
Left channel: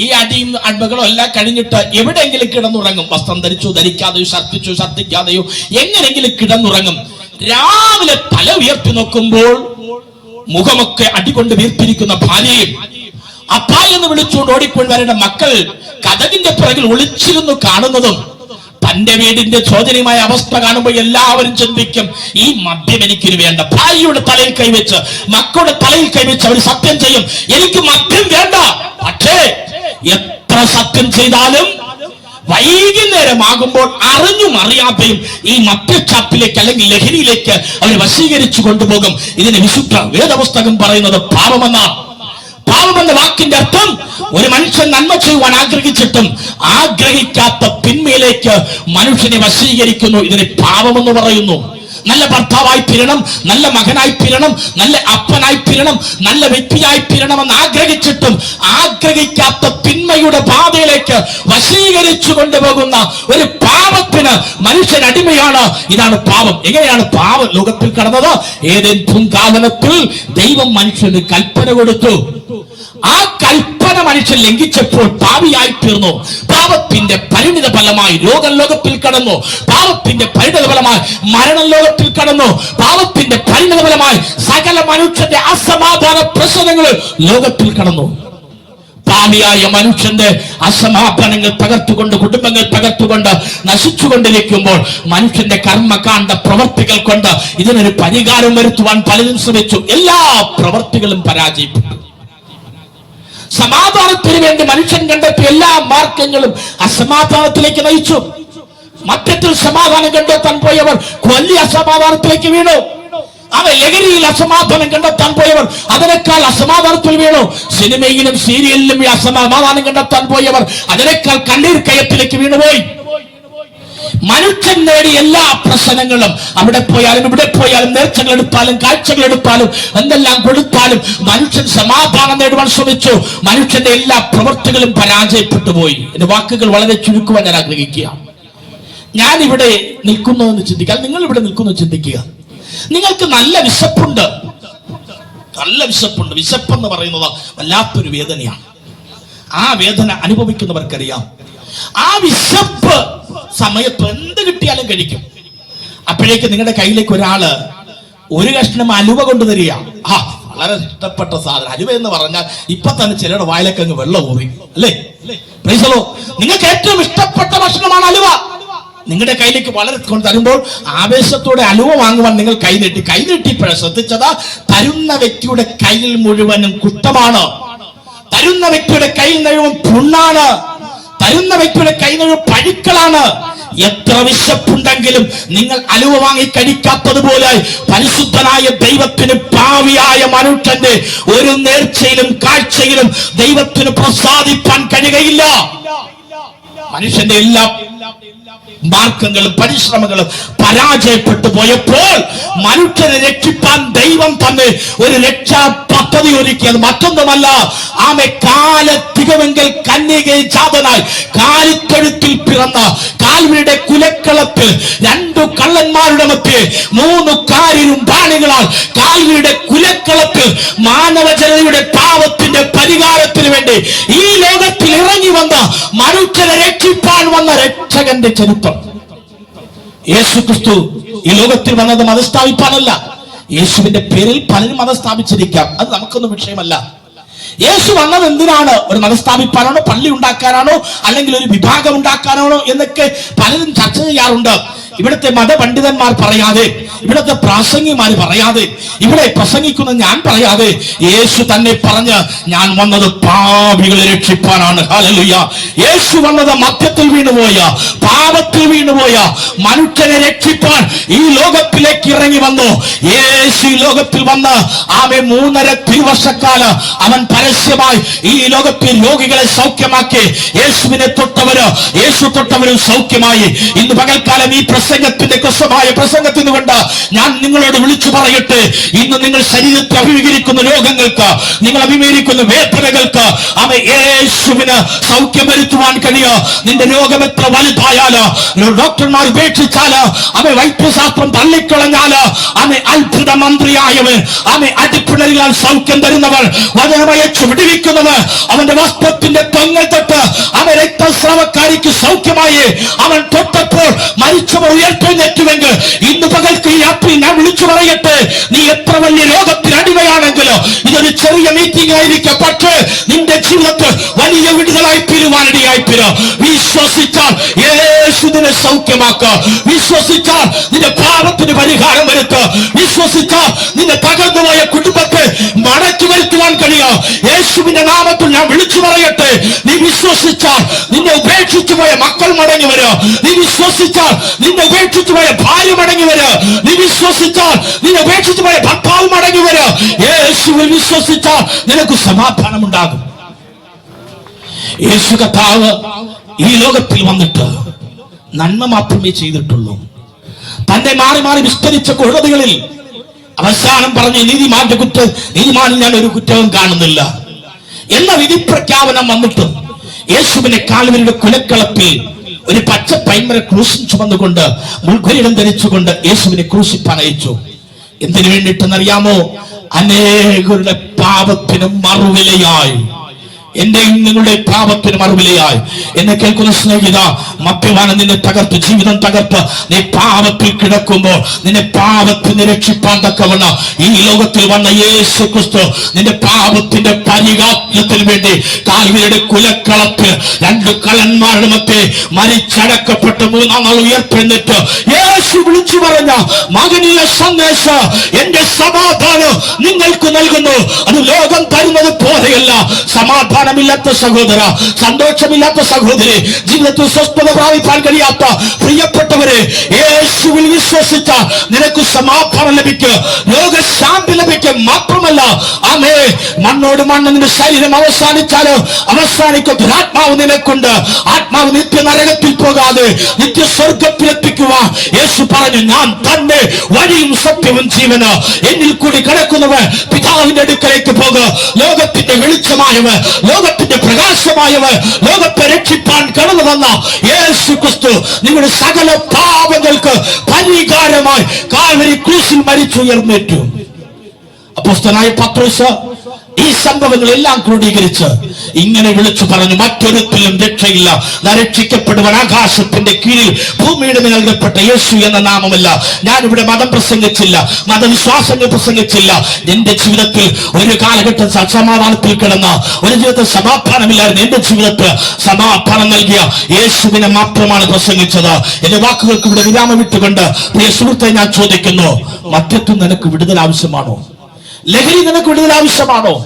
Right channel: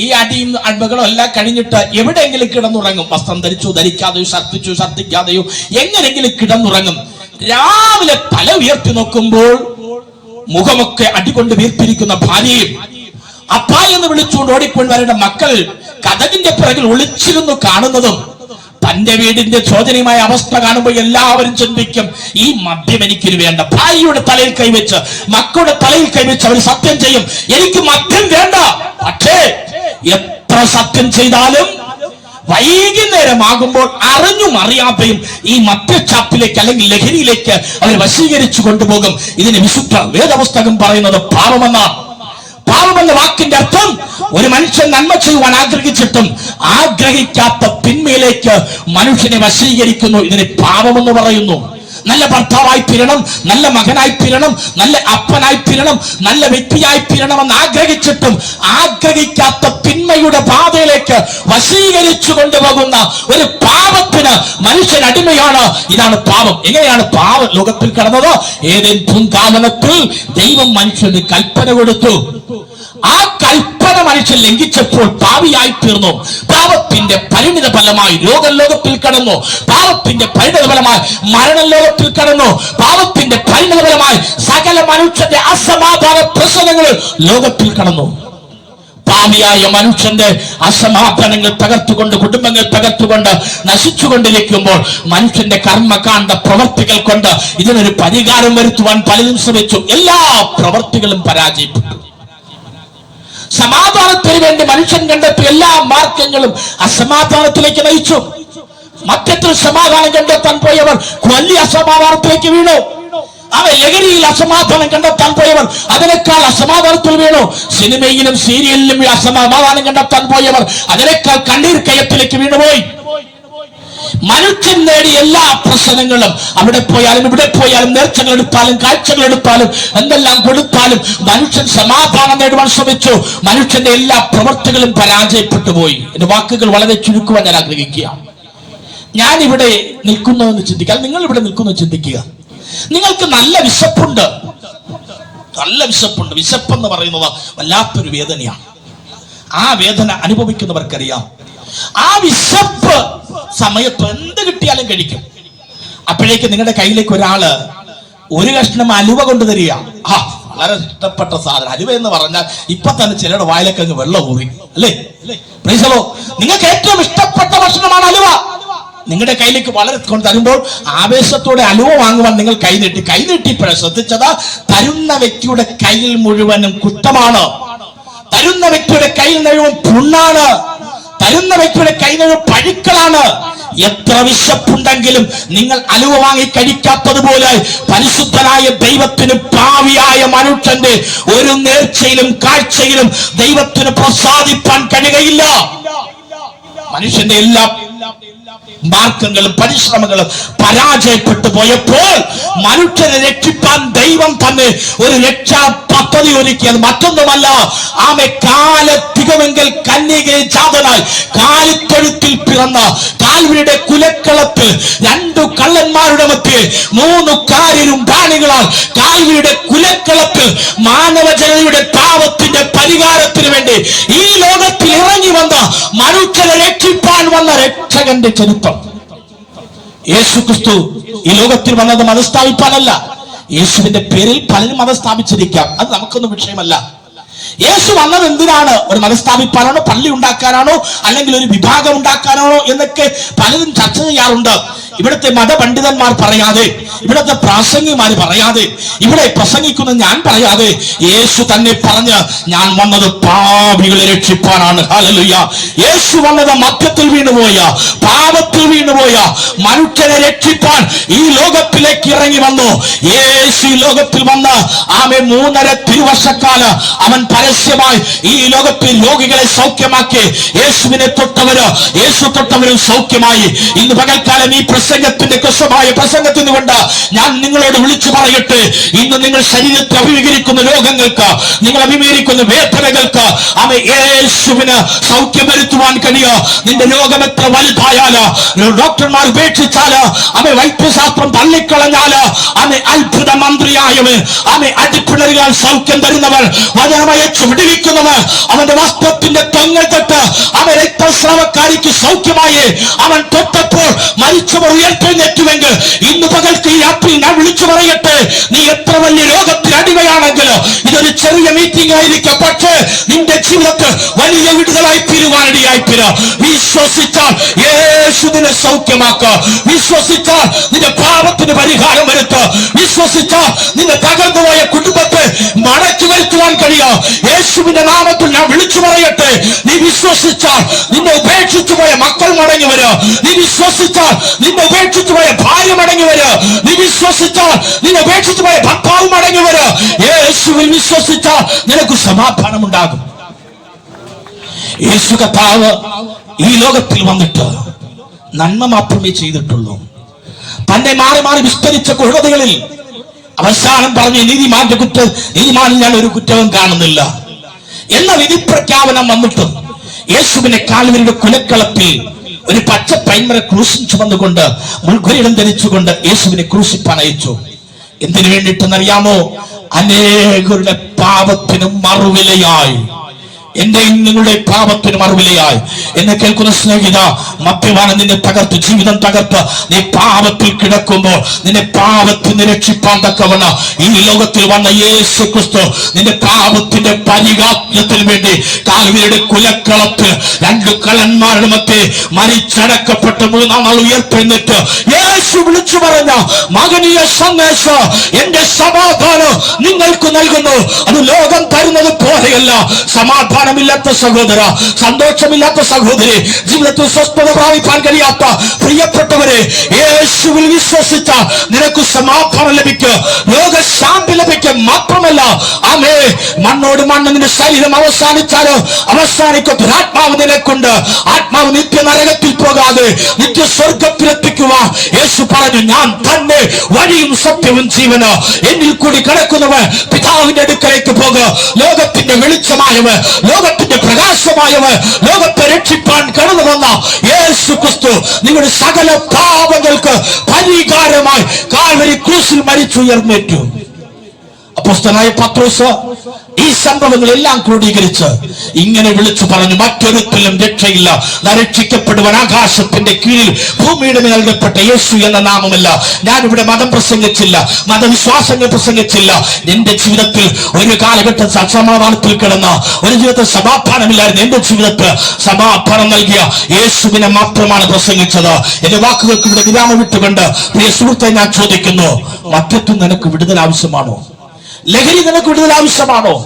ഈ അടിയും അടിമകളും എല്ലാം കഴിഞ്ഞിട്ട് എവിടെയെങ്കിലും കിടന്നുറങ്ങും. വസ്ത്രം ധരിച്ചോ ധരിക്കാതെയോ, ഛർദ്ദിക്കാതെയോ എങ്ങനെങ്കിലും കിടന്നുറങ്ങും. രാവിലെ തല ഉയർത്തി നോക്കുമ്പോൾ മുഖമൊക്കെ അടികൊണ്ട് വീർത്തിരിക്കുന്ന ഭാര്യയും അപ്പാ എന്ന് വിളിച്ചുകൊണ്ട് ഓടിക്കൊണ്ട് വരേണ്ട മക്കൾ കതകിന്റെ പുറകിൽ ഒളിച്ചിരുന്നു കാണുന്നതും, തന്റെ വീടിന്റെ ശോചനീയമായ അവസ്ഥ കാണുമ്പോൾ എല്ലാവരും ചിന്തിക്കും, ഈ മദ്യം എനിക്കിന് വേണ്ട. ഭാര്യയുടെ തലയിൽ കൈവച്ച്, മക്കളുടെ തലയിൽ കൈവച്ച് അവർ സത്യം ചെയ്യും, എനിക്ക് മദ്യം വേണ്ട. പക്ഷേ എത്ര സത്യം ചെയ്താലും വൈകുന്നേരമാകുമ്പോൾ അറിഞ്ഞും അറിയാതെയും ഈ മദ്യച്ചാപ്പിലേക്ക് അല്ലെങ്കിൽ ലഹരിയിലേക്ക് അവർ വശീകരിച്ചു കൊണ്ടുപോകും. ഇതിന് വിശുദ്ധ വേദപുസ്തകം പറയുന്നത് പാപമെന്നാണ്. പാപമെന്ന വാക്കിന്റെ അർത്ഥം ഒരു മനുഷ്യൻ നന്മ ചെയ്യുവാൻ ആഗ്രഹിച്ചിട്ടും ആഗ്രഹിക്കാത്ത തിന്മയിലേക്ക് മനുഷ്യനെ വശീകരിക്കുന്നു. ഇതിന് പാപമെന്ന് പറയുന്നു. നല്ല ഭർത്താവായി തീരണം, നല്ല മകനായി തീരണം, നല്ല അപ്പനായി തീരണം, നല്ല വ്യക്തിയായി തീരണമെന്ന് ആഗ്രഹിച്ചിട്ടും ആഗ്രഹിക്കാത്ത തിന്മയുടെ പാതയിലേക്ക് വശീകരിച്ചു കൊണ്ടുപോകുന്ന ഒരു പാപത്തിന് മനുഷ്യൻ അടിമയാണ്. ഇതാണ് പാപം. എങ്ങനെയാണ് പാപം ലോകത്തിൽ കടന്നത്? ഏതേൻ പൂങ്കാവനത്തിൽ ദൈവം മനുഷ്യന് കൽപ്പന കൊടുത്തു. ആ കൽപ്പന മനുഷ്യൻ ലംഘിച്ചപ്പോൾ പാപിയായി തീർന്നു. പാപത്തിന്റെ പരിണിത ഫലമായി രോഗം ലോകത്തിൽ കടന്നു. പാപത്തിന്റെ പരിണിത ഫലമായി മരണം ലോകത്തിൽ കടന്നു. പാപത്തിന്റെ പരിണിത ഫലമായി സകല മനുഷ്യന്റെ അസമാധാന പ്രശ്നങ്ങൾ ലോകത്തിൽ കടന്നു. പാപിയായ മനുഷ്യന്റെ അസമാധാനങ്ങൾ തകർത്തുകൊണ്ട്, കുടുംബങ്ങൾ തകർത്തുകൊണ്ട് നശിച്ചുകൊണ്ടിരിക്കുമ്പോൾ മനുഷ്യന്റെ കർമ്മകാണ്ഡ പ്രവർത്തികൾ കൊണ്ട് ഇതിനൊരു പരിഹാരം വരുത്തുവാൻ പലരും ശ്രമിച്ചു. എല്ലാ പ്രവർത്തികളും പരാജയപ്പെട്ടു. സമാധാനത്തിന് വേണ്ടി മനുഷ്യൻ കണ്ടെത്തിയ എല്ലാ മാർഗങ്ങളും അസമാധാനത്തിലേക്ക് നയിച്ചു. മറ്റത്തിൽ സമാധാനം കണ്ടെത്താൻ പോയവർ വലിയ അസമാധാനത്തിലേക്ക് വീണു. അവ ലഹരിയിൽ അസമാധാനം കണ്ടെത്താൻ പോയവർ അതിനേക്കാൾ അസമാധാനത്തിൽ വീണു. സിനിമയിലും സീരിയലിലും അസമാധാനം കണ്ടെത്താൻ പോയവർ അതിനേക്കാൾ കണ്ണീർ കയത്തിലേക്ക് വീണുപോയി. മനുഷ്യൻ നേടിയ എല്ലാ പ്രശ്നങ്ങളും അവിടെ പോയാലും ഇവിടെ പോയാലും നേർച്ചകൾ എടുത്താലും കാഴ്ചകൾ എടുത്താലും എന്തെല്ലാം കൊടുത്താലും മനുഷ്യൻ സമാധാനം നേടുവാൻ ശ്രമിച്ചു. മനുഷ്യന്റെ എല്ലാ പ്രവർത്തികളും പരാജയപ്പെട്ടു പോയി. എന്റെ വാക്കുകൾ വളരെ ചുരുക്കുവാൻ ഞാൻ ആഗ്രഹിക്കുക. ഞാൻ ഇവിടെ നിൽക്കുന്നു എന്ന് ചിന്തിക്കുക, നിങ്ങൾ ഇവിടെ നിൽക്കുന്നു ചിന്തിക്കുക. നിങ്ങൾക്ക് നല്ല വിശപ്പുണ്ട്, നല്ല വിശപ്പുണ്ട്. വിശപ്പെന്ന് പറയുന്നത് വല്ലാത്തൊരു വേദനയാണ്. ആ വേദന അനുഭവിക്കുന്നവർക്കറിയാം. ആ വിശപ്പ് സമയത്ത് എന്ത് കിട്ടിയാലും കഴിക്കും. അപ്പോഴേക്ക് നിങ്ങളുടെ കയ്യിലേക്ക് ഒരാള് ഒരു കഷ്ണം അലുവ കൊണ്ടുതരിക. വളരെ ഇഷ്ടപ്പെട്ട സാധനം അലുവ എന്ന് പറഞ്ഞാൽ ഇപ്പൊ തന്നെ ചിലരുടെ വായിലേക്ക് അങ്ങ് വെള്ളം ഊറി, അല്ലേ? പ്രൈസലോ, നിങ്ങൾക്ക് ഏറ്റവും ഇഷ്ടപ്പെട്ട ഭക്ഷണമാണ് അലുവ. നിങ്ങളുടെ കയ്യിലേക്ക് വളരെ കൊണ്ട് തരുമ്പോൾ ആവേശത്തോടെ അലുവ വാങ്ങുവാൻ നിങ്ങൾ കൈനീട്ടിപ്പോഴാണ് ശ്രദ്ധിച്ചത്. തരുന്ന വ്യക്തിയുടെ കയ്യിൽ മുഴുവനും കുറ്റമാണ്. തരുന്ന വ്യക്തിയുടെ കയ്യിൽ മുഴുവൻ പുണ്ണാണ്. തരുന്ന വ്യക്തിയുടെ കയ്യിൽ മുഴുവൻ പഴുക്കളാണ്. എത്ര വിശപ്പുണ്ടെങ്കിലും നിങ്ങൾ അലുവ വാങ്ങി കഴിക്കാത്തതുപോലെ പരിശുദ്ധനായ ദൈവത്തിന് പാവിയായ മനുഷ്യന്റെ ഒരു നേർച്ചയിലും കാഴ്ചയിലും ദൈവത്തിന് പ്രസാദിപ്പാൻ കഴിയുകയില്ല. മനുഷ്യന്റെ എല്ലാ മാർഗങ്ങളും പരിശ്രമങ്ങളും പരാജയപ്പെട്ടു പോയപ്പോൾ മനുഷ്യനെ രക്ഷിപ്പാൻ ദൈവം തന്നെ ഒരു രക്ഷാ പദ്ധതി ഒരുക്കിയത് മറ്റൊന്നുമല്ല. ആമെ കാലത്തികമെങ്കിൽ കന്യകയെ ജാതനായി കാലിത്തൊഴുത്തിൽ പിറന്ന കാൽവരിയുടെ കുലക്കളത്ത് 2 കള്ളന്മാരുടെ മധ്യേ 3 കാരിലും പ്രാണികളാൽ കാൽവരിയുടെ കുലക്കളത്ത് മാനവജനതയുടെ പാപത്തിന്റെ പരിഹാരത്തിന് വേണ്ടി ഈ ലോകത്തിൽ ഇറങ്ങി വന്ന മനുഷ്യനെ രക്ഷിപ്പാൻ വന്ന രക്ഷകന്റെ ചരിത്രം. യേശു ക്രിസ്തു ഈ ലോകത്തിൽ വന്നത് മതം സ്ഥാപിക്കാനല്ല. യേശുവിന്റെ പേരിൽ പലരും മതം സ്ഥാപിച്ചിരിക്കാം, അത് നമുക്കൊന്നും വിഷയമല്ല. യേശു വന്നത് എന്തിനാണ്? ഒരു മതം സ്ഥാപിക്കാനാണോ, പള്ളി ഉണ്ടാക്കാനാണോ, അല്ലെങ്കിൽ ഒരു വിഭാഗം ഉണ്ടാക്കാനാണോ എന്നൊക്കെ പലരും ചർച്ച ചെയ്യാറുണ്ട്. ഇവിടുത്തെ മതപണ്ഡിതന്മാർ പറയാതെ, ഇവിടുത്തെ പ്രാസംഗികന്മാർ പറയാതെ, ഇവിടെ പ്രസംഗിക്കുന്ന ഞാൻ പറയാതെ യേശു തന്നെ പറഞ്ഞ് ഞാൻ വന്നത് പാപികളെ രക്ഷിപ്പാനാണ്. ഹല്ലേലൂയ. യേശു വന്നത് മദ്യത്തിൽ വീണുപോയ, പാപത്തിൽ വീണുപോയ മനുഷ്യനെ രക്ഷിപ്പാൻ ഈ ലോകത്തിലേക്ക് ഇറങ്ങി വന്നു. യേശു ഈ ലോകത്തിൽ വന്ന് ആമെ 3.5 തിരുവർഷക്കാലം അവൻ പരസ്യമായി ഈ ലോകത്തിൽ രോഗികളെ സൗഖ്യമാക്കി. യേശുവിനെ തൊട്ടവര്, യേശു തൊട്ടവരും സൗഖ്യമായി. ഇന്ന് പകൽക്കാലം ഈ പ്രസംഗത്തിന്റെ കൃശമായ പ്രസംഗത്തിന് കൊണ്ട് ഞാൻ നിങ്ങളോട് വിളിച്ചു പറയട്ടെ, ഇന്ന് നിങ്ങൾ ശരീരത്തെ അഭിമുഖീകരിക്കുന്ന രോഗങ്ങൾക്ക്, നിങ്ങൾ അഭിമുഖീകരിക്കുന്ന വേദനകൾക്ക് അവൻ യേശുവിന് സൗഖ്യം വരുത്തുവാൻ കഴിയുക. നിന്റെ രോഗം എത്ര വലുതായാലോ, ഡോക്ടർമാർ ഉപേക്ഷിച്ചാല്, അവൻ വൈദ്യശാസ്ത്രം തള്ളിക്കളഞ്ഞാല്, അവൻ അത്ഭുത മന്ത്രിയായവൻ, അവൻ അടിപ്പിണരുകൾ സൗഖ്യം തരുന്നവർ, വചനമയച്ചു വിടുവിക്കുന്നവർ, അവന്റെ വസ്ത്രത്തിന്റെ തങ്ങൾ തൊട്ട് അവൻ രക്തസ്രാവക്കാരിക്ക് സൗഖ്യമായി. അവൻ തൊട്ടപ്പോൾ മരിച്ചവർ ഉയർത്തെഴുന്നേറ്റുവെങ്കിൽ ഇന്ന് പകൽക്ക് ഈ രാത്രി ഞാൻ വിളിച്ചു പറയട്ടെ, നീ എത്ര വലിയ രോഗത്തിന് അടിമയാണെങ്കിലോ ഇതൊരു ചെറിയ മീറ്റിംഗ് ആയിരിക്കും, പക്ഷേ നിന്റെ ജീവിതത്തിൽ വലിയ വിടുതലായി തീരുവാനിടയായി തീരും. വിശ്വസിച്ചാൽ യേശുവിനെ സൗഖ്യമാക്കുക. വിശ്വസിച്ചാൽ നിന്റെ പാപത്തിന് പരിഹാരം വരുത്തുക. വിശ്വസിച്ചാൽ നിന്റെ തകർന്നു തകർന്നുപോയ കുടുംബത്തെ മടക്കി വരുത്തുവാൻ കഴിയോ? യേശുവിന്റെ നാമത്തിൽ ഞാൻ വിളിച്ചു പറയട്ടെ, നീ വിശ്വസിച്ചാൽ നിന്നെ ഉപേക്ഷിച്ചു പോയ മക്കൾ മടങ്ങി വരോ. നീ വിശ്വസിച്ചാൽ നിന്നെ ഉപേക്ഷിച്ചു പോയ ഭാര്യ മടങ്ങി വരോ. നീ വിശ്വസിച്ചാൽ നിന്നെ ഉപേക്ഷിച്ചു പോയ ഭർത്താവ് മടങ്ങി വരോ. യേശുവിൽ വിശ്വസിച്ചാൽ നിനക്ക് സമാധാനം ഉണ്ടാകും. യേശു കർത്താവ് ഈ ലോകത്തിൽ വന്നിട്ട് നന്മ മാത്രമേ ചെയ്തിട്ടുള്ളൂ. തന്റെ മാറി മാറി വിസ്തരിച്ച കോടതികളിൽ അവസാനം പറഞ്ഞ് നീതിമാനിൽ ഞാൻ ഒരു കുറ്റവും കാണുന്നില്ല എന്ന വിധി പ്രഖ്യാപനം വന്നിട്ടും യേശുവിനെ കാൽവരിയുടെ കുലക്കളത്തിൽ ഒരു പച്ച പൈമര ക്രൂശിൽ ചുമന്നുകൊണ്ട് മുൾക്കിരീടം ധരിച്ചുകൊണ്ട് യേശുവിനെ ക്രൂശിപ്പാൻ അയച്ചു. എന്തിനു വേണ്ടിയിട്ടെന്നറിയാമോ? അനേകരുടെ പാപത്തിനും മറുവിലയായി, എന്റെയും നിങ്ങളുടെ പാപത്തിന് മറുവിലയായി. എന്നെ കേൾക്കുന്ന സ്നേഹിത, മദ്യപാനം നിന്നെ തകർത്ത്, ജീവിതം തകർത്ത് നീ പാപത്തിൽ കിടക്കുമ്പോൾ നിന്നെ പാപത്തിന് രക്ഷിപ്പാൻ തക്കവണ്ണം ഈ ലോകത്തിൽ വന്ന യേശു ക്രിസ്തു നിന്റെ പാപത്തിന്റെ പരിഹാരത്തിന് വേണ്ടി കാൽവരിയുടെ കുലക്കളത്തിൽ 2 കള്ളന്മാരുടെ മധ്യേ മരിച്ചടക്കപ്പെട്ട് 3-ാം നാൾ ഉയർത്തെഴുന്നേറ്റ് യേശു വിളിച്ചു പറഞ്ഞ മകനീയ സന്ദേശം, എന്റെ സമാധാനം നിങ്ങൾക്ക് നൽകുന്നു. അത് ലോകം തരുന്നത് പോലെയല്ല. സമാധാനമില്ലാത്ത സഹോദര, സന്തോഷമില്ലാത്ത സഹോദരി, ജീവിതത്തിൽ സ്വസ്ഥത പ്രാപിക്കാൻ കഴിയാത്ത പ്രിയപ്പെട്ടവരെ, യേശുവിൽ വിശ്വസിച്ച നിനക്ക് സമാധാനം ലഭിക്കും, രോഗശാന്തി ലഭിക്കും. മാത്രമല്ല, ആമേ, മണ്ണോട് മണ്ണ് നിന്റെ ശരീരം അവസാനിച്ചാലോ അവസാനിക്കും, ആത്മാവ് നിനക്കുണ്ട്. ആത്മാവ് നിത്യ നരകത്തിൽ പോകാതെ നിത്യ സ്വർഗത്തിലെത്തിക്കുവാൻ യേശു പറഞ്ഞു, ഞാൻ തന്നെ വഴിയും സത്യവും ജീവന്, എന്നിൽ കൂടി കിടക്കുന്നവൻ പിതാവിന്റെ അടുക്കലേക്ക് പോകുക. ലോകത്തിന്റെ വെളിച്ചമായവൻ, ലോകത്തിന്റെ പ്രകാശമായവൻ, ലോകത്തെ രക്ഷിപ്പാൻ കടന്നു വന്ന യേശു ക്രിസ്തു നിങ്ങളുടെ സകല പാപങ്ങൾക്ക് പരിഹാരമായി കാൽവരി ക്രൂശിൽ മരിച്ചുയർന്നേറ്റു. അപ്പോസ്തലനായ പത്രോസ് ഈ സംഭവങ്ങളെല്ലാം ക്രോഡീകരിച്ച് ഇങ്ങനെ വിളിച്ചു പറഞ്ഞു, മറ്റൊരുത്തിലും രക്ഷയില്ല, രക്ഷിക്കപ്പെടുവാൻ ആകാശത്തിന്റെ കീഴിൽ ഭൂമിയുടെ നൽകപ്പെട്ട യേശു എന്ന നാമമല്ല. ഞാനിവിടെ മതം പ്രസംഗിച്ചില്ല, മതവിശ്വാസങ്ങൾ പ്രസംഗിച്ചില്ല. എന്റെ ജീവിതത്തിൽ ഒരു കാലഘട്ടം സമാധാനത്തിൽ കിടന്ന, ഒരു ജീവിതത്തിൽ സമാധാനമില്ലായിരുന്നു. എന്റെ ജീവിതത്തിൽ സമാധാനം നൽകിയ യേശുവിനെ മാത്രമാണ് പ്രസംഗിച്ചത്. എന്റെ വാക്കുകൾക്ക് ഇവിടെ വിരാമം വിട്ടുകൊണ്ട് പ്രിയ സുഹൃത്തെ ഞാൻ ചോദിക്കുന്നു, മറ്റൊന്നും നിനക്ക് വിടുതൽ ആവശ്യമാണോ? ലഹരി നിനക്ക് വിടുതൽ ആവശ്യമാണോ?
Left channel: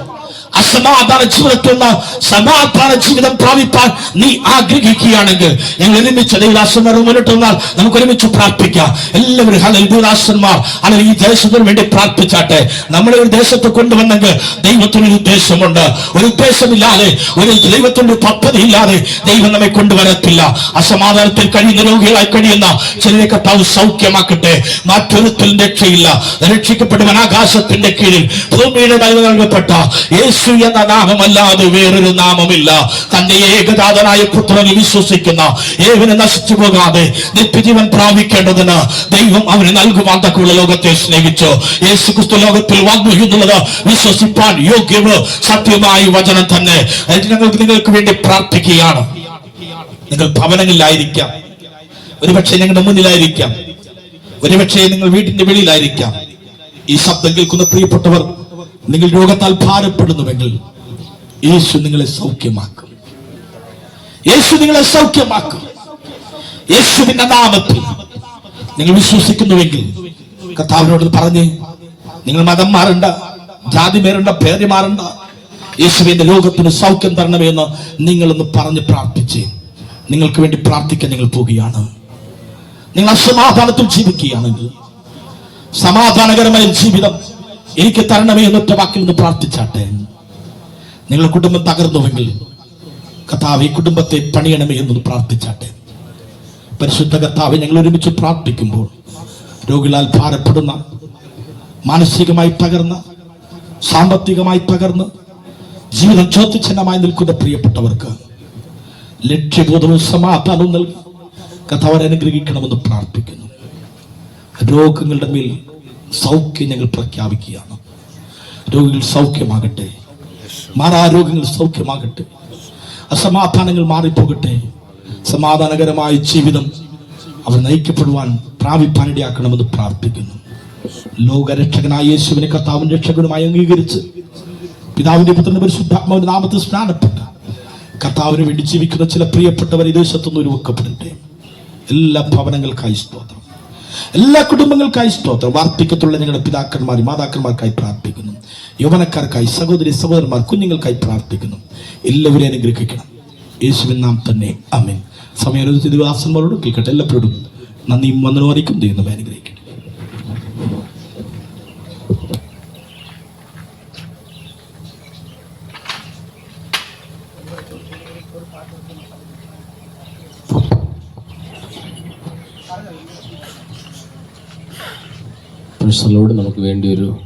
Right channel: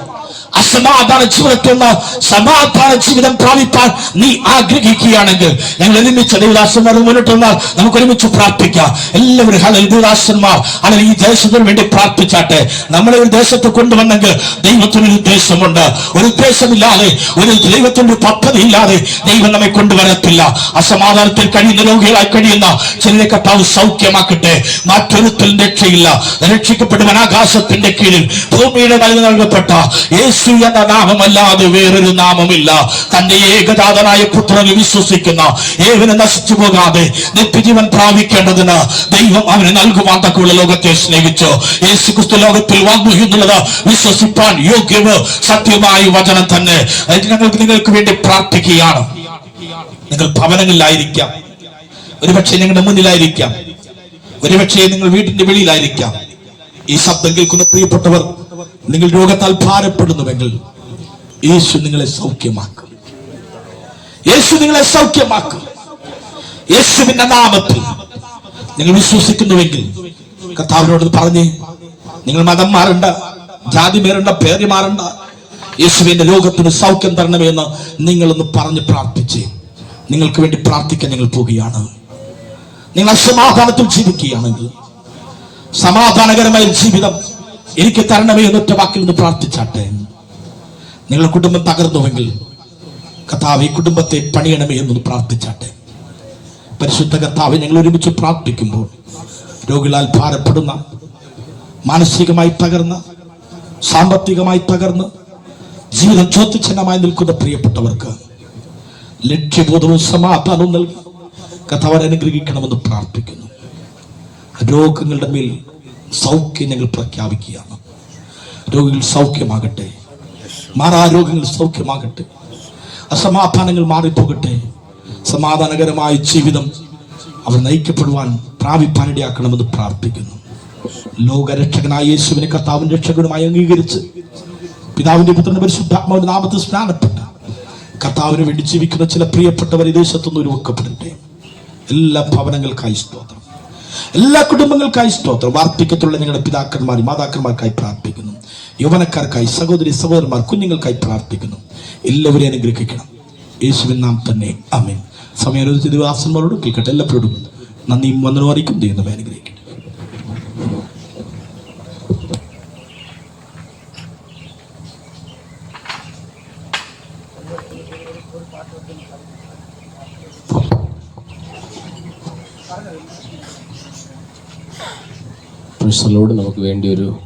അസമാധാന ജീവിതത്തിൽ നിന്ന് സമാധാന ജീവിതം പ്രാപിപ്പാൻ നീ ആഗ്രഹിക്കുകയാണെങ്കിൽ ഞങ്ങൾ ഒരുമിച്ച് ദൈവദാസന്മാർ മുന്നോട്ട് വന്നാൽ നമുക്ക് ഒരുമിച്ച് പ്രാർത്ഥിക്കാം. എല്ലാവരും ദൈവദാസന്മാർ അല്ലെങ്കിൽ ഈ ദേശത്തിന് വേണ്ടി പ്രാർത്ഥിച്ചാട്ടെ. നമ്മളെ ഒരു ദേശത്ത് കൊണ്ടുവന്നെങ്കിൽ ദൈവത്തിനൊരു ഉദ്ദേശമുണ്ട്. ഒരു ഉദ്ദേശമില്ലാതെ, ഒരു ദൈവത്തിന്റെ പദ്ധതി ഇല്ലാതെ ദൈവം നമ്മെ കൊണ്ടുവരത്തില്ല. അസമാധാനത്തിൽ കഴിയുന്ന രോഗികളായി കഴിയുന്ന ചിലരെ കർത്താവ് സൗഖ്യമാക്കട്ടെ. മറ്റൊരുത്തിൽ രക്ഷയില്ല, രക്ഷിക്കപ്പെടുവാൻ ആകാശത്തിന്റെ കീഴിൽ ഭൂമിയുടെ നൽകപ്പെട്ട യേശു എന്ന നാമമല്ലാതെ വേറൊരു നാമമില്ല. തന്റെ ഏകജാതനായ പുത്രനെ വിശ്വസിക്കുന്ന ഏവനെ നശിച്ചു പോകാതെ നിത്യജീവൻ പ്രാപിക്കേണ്ടതിന് ദൈവം അവന് നൽകുവാൻ തക്കമുള്ള ലോകത്തെ സ്നേഹിച്ചു. യേശു ക്രിസ്തു ലോകത്തിൽ വന്നു എന്നുള്ളത് വിശ്വസിപ്പാൻ യോഗ്യമോ സത്യമായ വചനം തന്നെ. ഞങ്ങൾക്ക് നിങ്ങൾക്ക് വേണ്ടി പ്രാർത്ഥിക്കുകയാണ്. നിങ്ങൾ ഭവനങ്ങളിലായിരിക്കാം, ഒരുപക്ഷെ ഞങ്ങളുടെ മുന്നിലായിരിക്കാം, ഒരുപക്ഷെ നിങ്ങൾ വീട്ടിന്റെ വെളിയിലായിരിക്കാം. ഈ ശബ്ദം കേൾക്കുന്ന പ്രിയപ്പെട്ടവർ, നിങ്ങൾ രോഗത്താൽ ഭാരപ്പെടുന്നുവെങ്കിൽ യേശു നിങ്ങളെ സൗഖ്യമാക്കും. യേശു നിങ്ങളെ സൗഖ്യമാക്കും. യേശുവിന്റെ നാമത്തിൽ നിങ്ങൾ വിശ്വസിക്കുന്നുവെങ്കിൽ കർത്താവിനോട് പറഞ്ഞ്, നിങ്ങൾ മതം മാറണ്ട, ജാതി മാറണ്ട, പേര് മാറണ്ട, യേശുവിന്റെ രോഗത്തിന് സൗഖ്യം തരണമെന്ന് നിങ്ങളൊന്ന് പറഞ്ഞ് പ്രാർത്ഥിച്ച് നിങ്ങൾക്ക് വേണ്ടി പ്രാർത്ഥിക്കാൻ നിങ്ങൾ പോവുകയാണ്. നിങ്ങൾ അസമാധാനത്തിൽ ജീവിക്കുകയാണെങ്കിൽ സമാധാനകരമായ ജീവിതം എനിക്ക് തരണമേ എന്നൊറ്റ വാക്കിൽ നിന്ന് പ്രാർത്ഥിച്ചാട്ടെ. നിങ്ങളുടെ കുടുംബം തകർന്നുവെങ്കിൽ കർത്താവ് ഈ കുടുംബത്തെ പണിയണമേ എന്നൊന്ന് പ്രാർത്ഥിച്ചാട്ടെ. പരിശുദ്ധ കർത്താവ്, ഞങ്ങൾ ഒരുമിച്ച് പ്രാർത്ഥിക്കുമ്പോൾ രോഗികളാൽ ഭാരപ്പെടുന്ന, മാനസികമായി തകർന്ന, സാമ്പത്തികമായി തകർന്ന് ജീവിതം ചോദ്യചിഹ്നമായി നിൽക്കുന്ന പ്രിയപ്പെട്ടവർക്ക് ലക്ഷ്യബോധവും സമാധാനവും നൽകി കർത്താവ് അനുഗ്രഹിക്കണമെന്ന് പ്രാർത്ഥിക്കുന്നു. രോഗങ്ങളുടെ മേൽ സൗഖ്യം ഞങ്ങൾ പ്രഖ്യാപിക്കുകയാണ്. രോഗികൾ സൗഖ്യമാകട്ടെ, മാറാരോഗങ്ങൾ സൗഖ്യമാകട്ടെ, അസമാധാനങ്ങൾ മാറിപ്പോകട്ടെ. സമാധാനകരമായ ജീവിതം അവർ നയിക്കപ്പെടുവാൻ പ്രാപിപ്പാനിടയാക്കണമെന്ന് പ്രാർത്ഥിക്കുന്നു. ലോകരക്ഷകനായ യേശുവിനെ കർത്താവിന്റെ രക്ഷകനുമായി അംഗീകരിച്ച് പിതാവിന്റെ പുത്രന്റെ പരിശുദ്ധാത്മാവിന്റെ നാമത്തിൽ സ്നാനപ്പെട്ട് കർത്താവിന് വേണ്ടി ജീവിക്കുന്ന ചില പ്രിയപ്പെട്ടവർ ഈ ദേശത്തുനിന്ന് ഉരുവക്കപ്പെടട്ടെ. എല്ലാ ഭവനങ്ങൾക്കായി സ്തോത്രം. എല്ലാ കുടുംബങ്ങൾക്കായി സ്തോത്രം. വാർദ്ധക്യത്തുള്ള ഞങ്ങളുടെ പിതാക്കന്മാർ മാതാക്കന്മാർക്കായി പ്രാർത്ഥിക്കുന്നു. യൗവനക്കാർക്കായി സഹോദരി സഹോദരന്മാർ കുഞ്ഞുങ്ങൾക്കായി പ്രാർത്ഥിക്കുന്നു. എല്ലാവരെയും അനുഗ്രഹിക്കണം യേശുവിൻ നാം തന്നെ ആമേൻ. സമയം തിരുവാസന്മാരോട് കേൾക്കട്ടെ. എല്ലാവരോടും നന്ദിയും വന്ദനവും അറിയിക്കും. ദൈവം അനുഗ്രഹിക്കട്ടെ. പ്രശ്നങ്ങളോട് നമുക്ക് വേണ്ടി ഒരു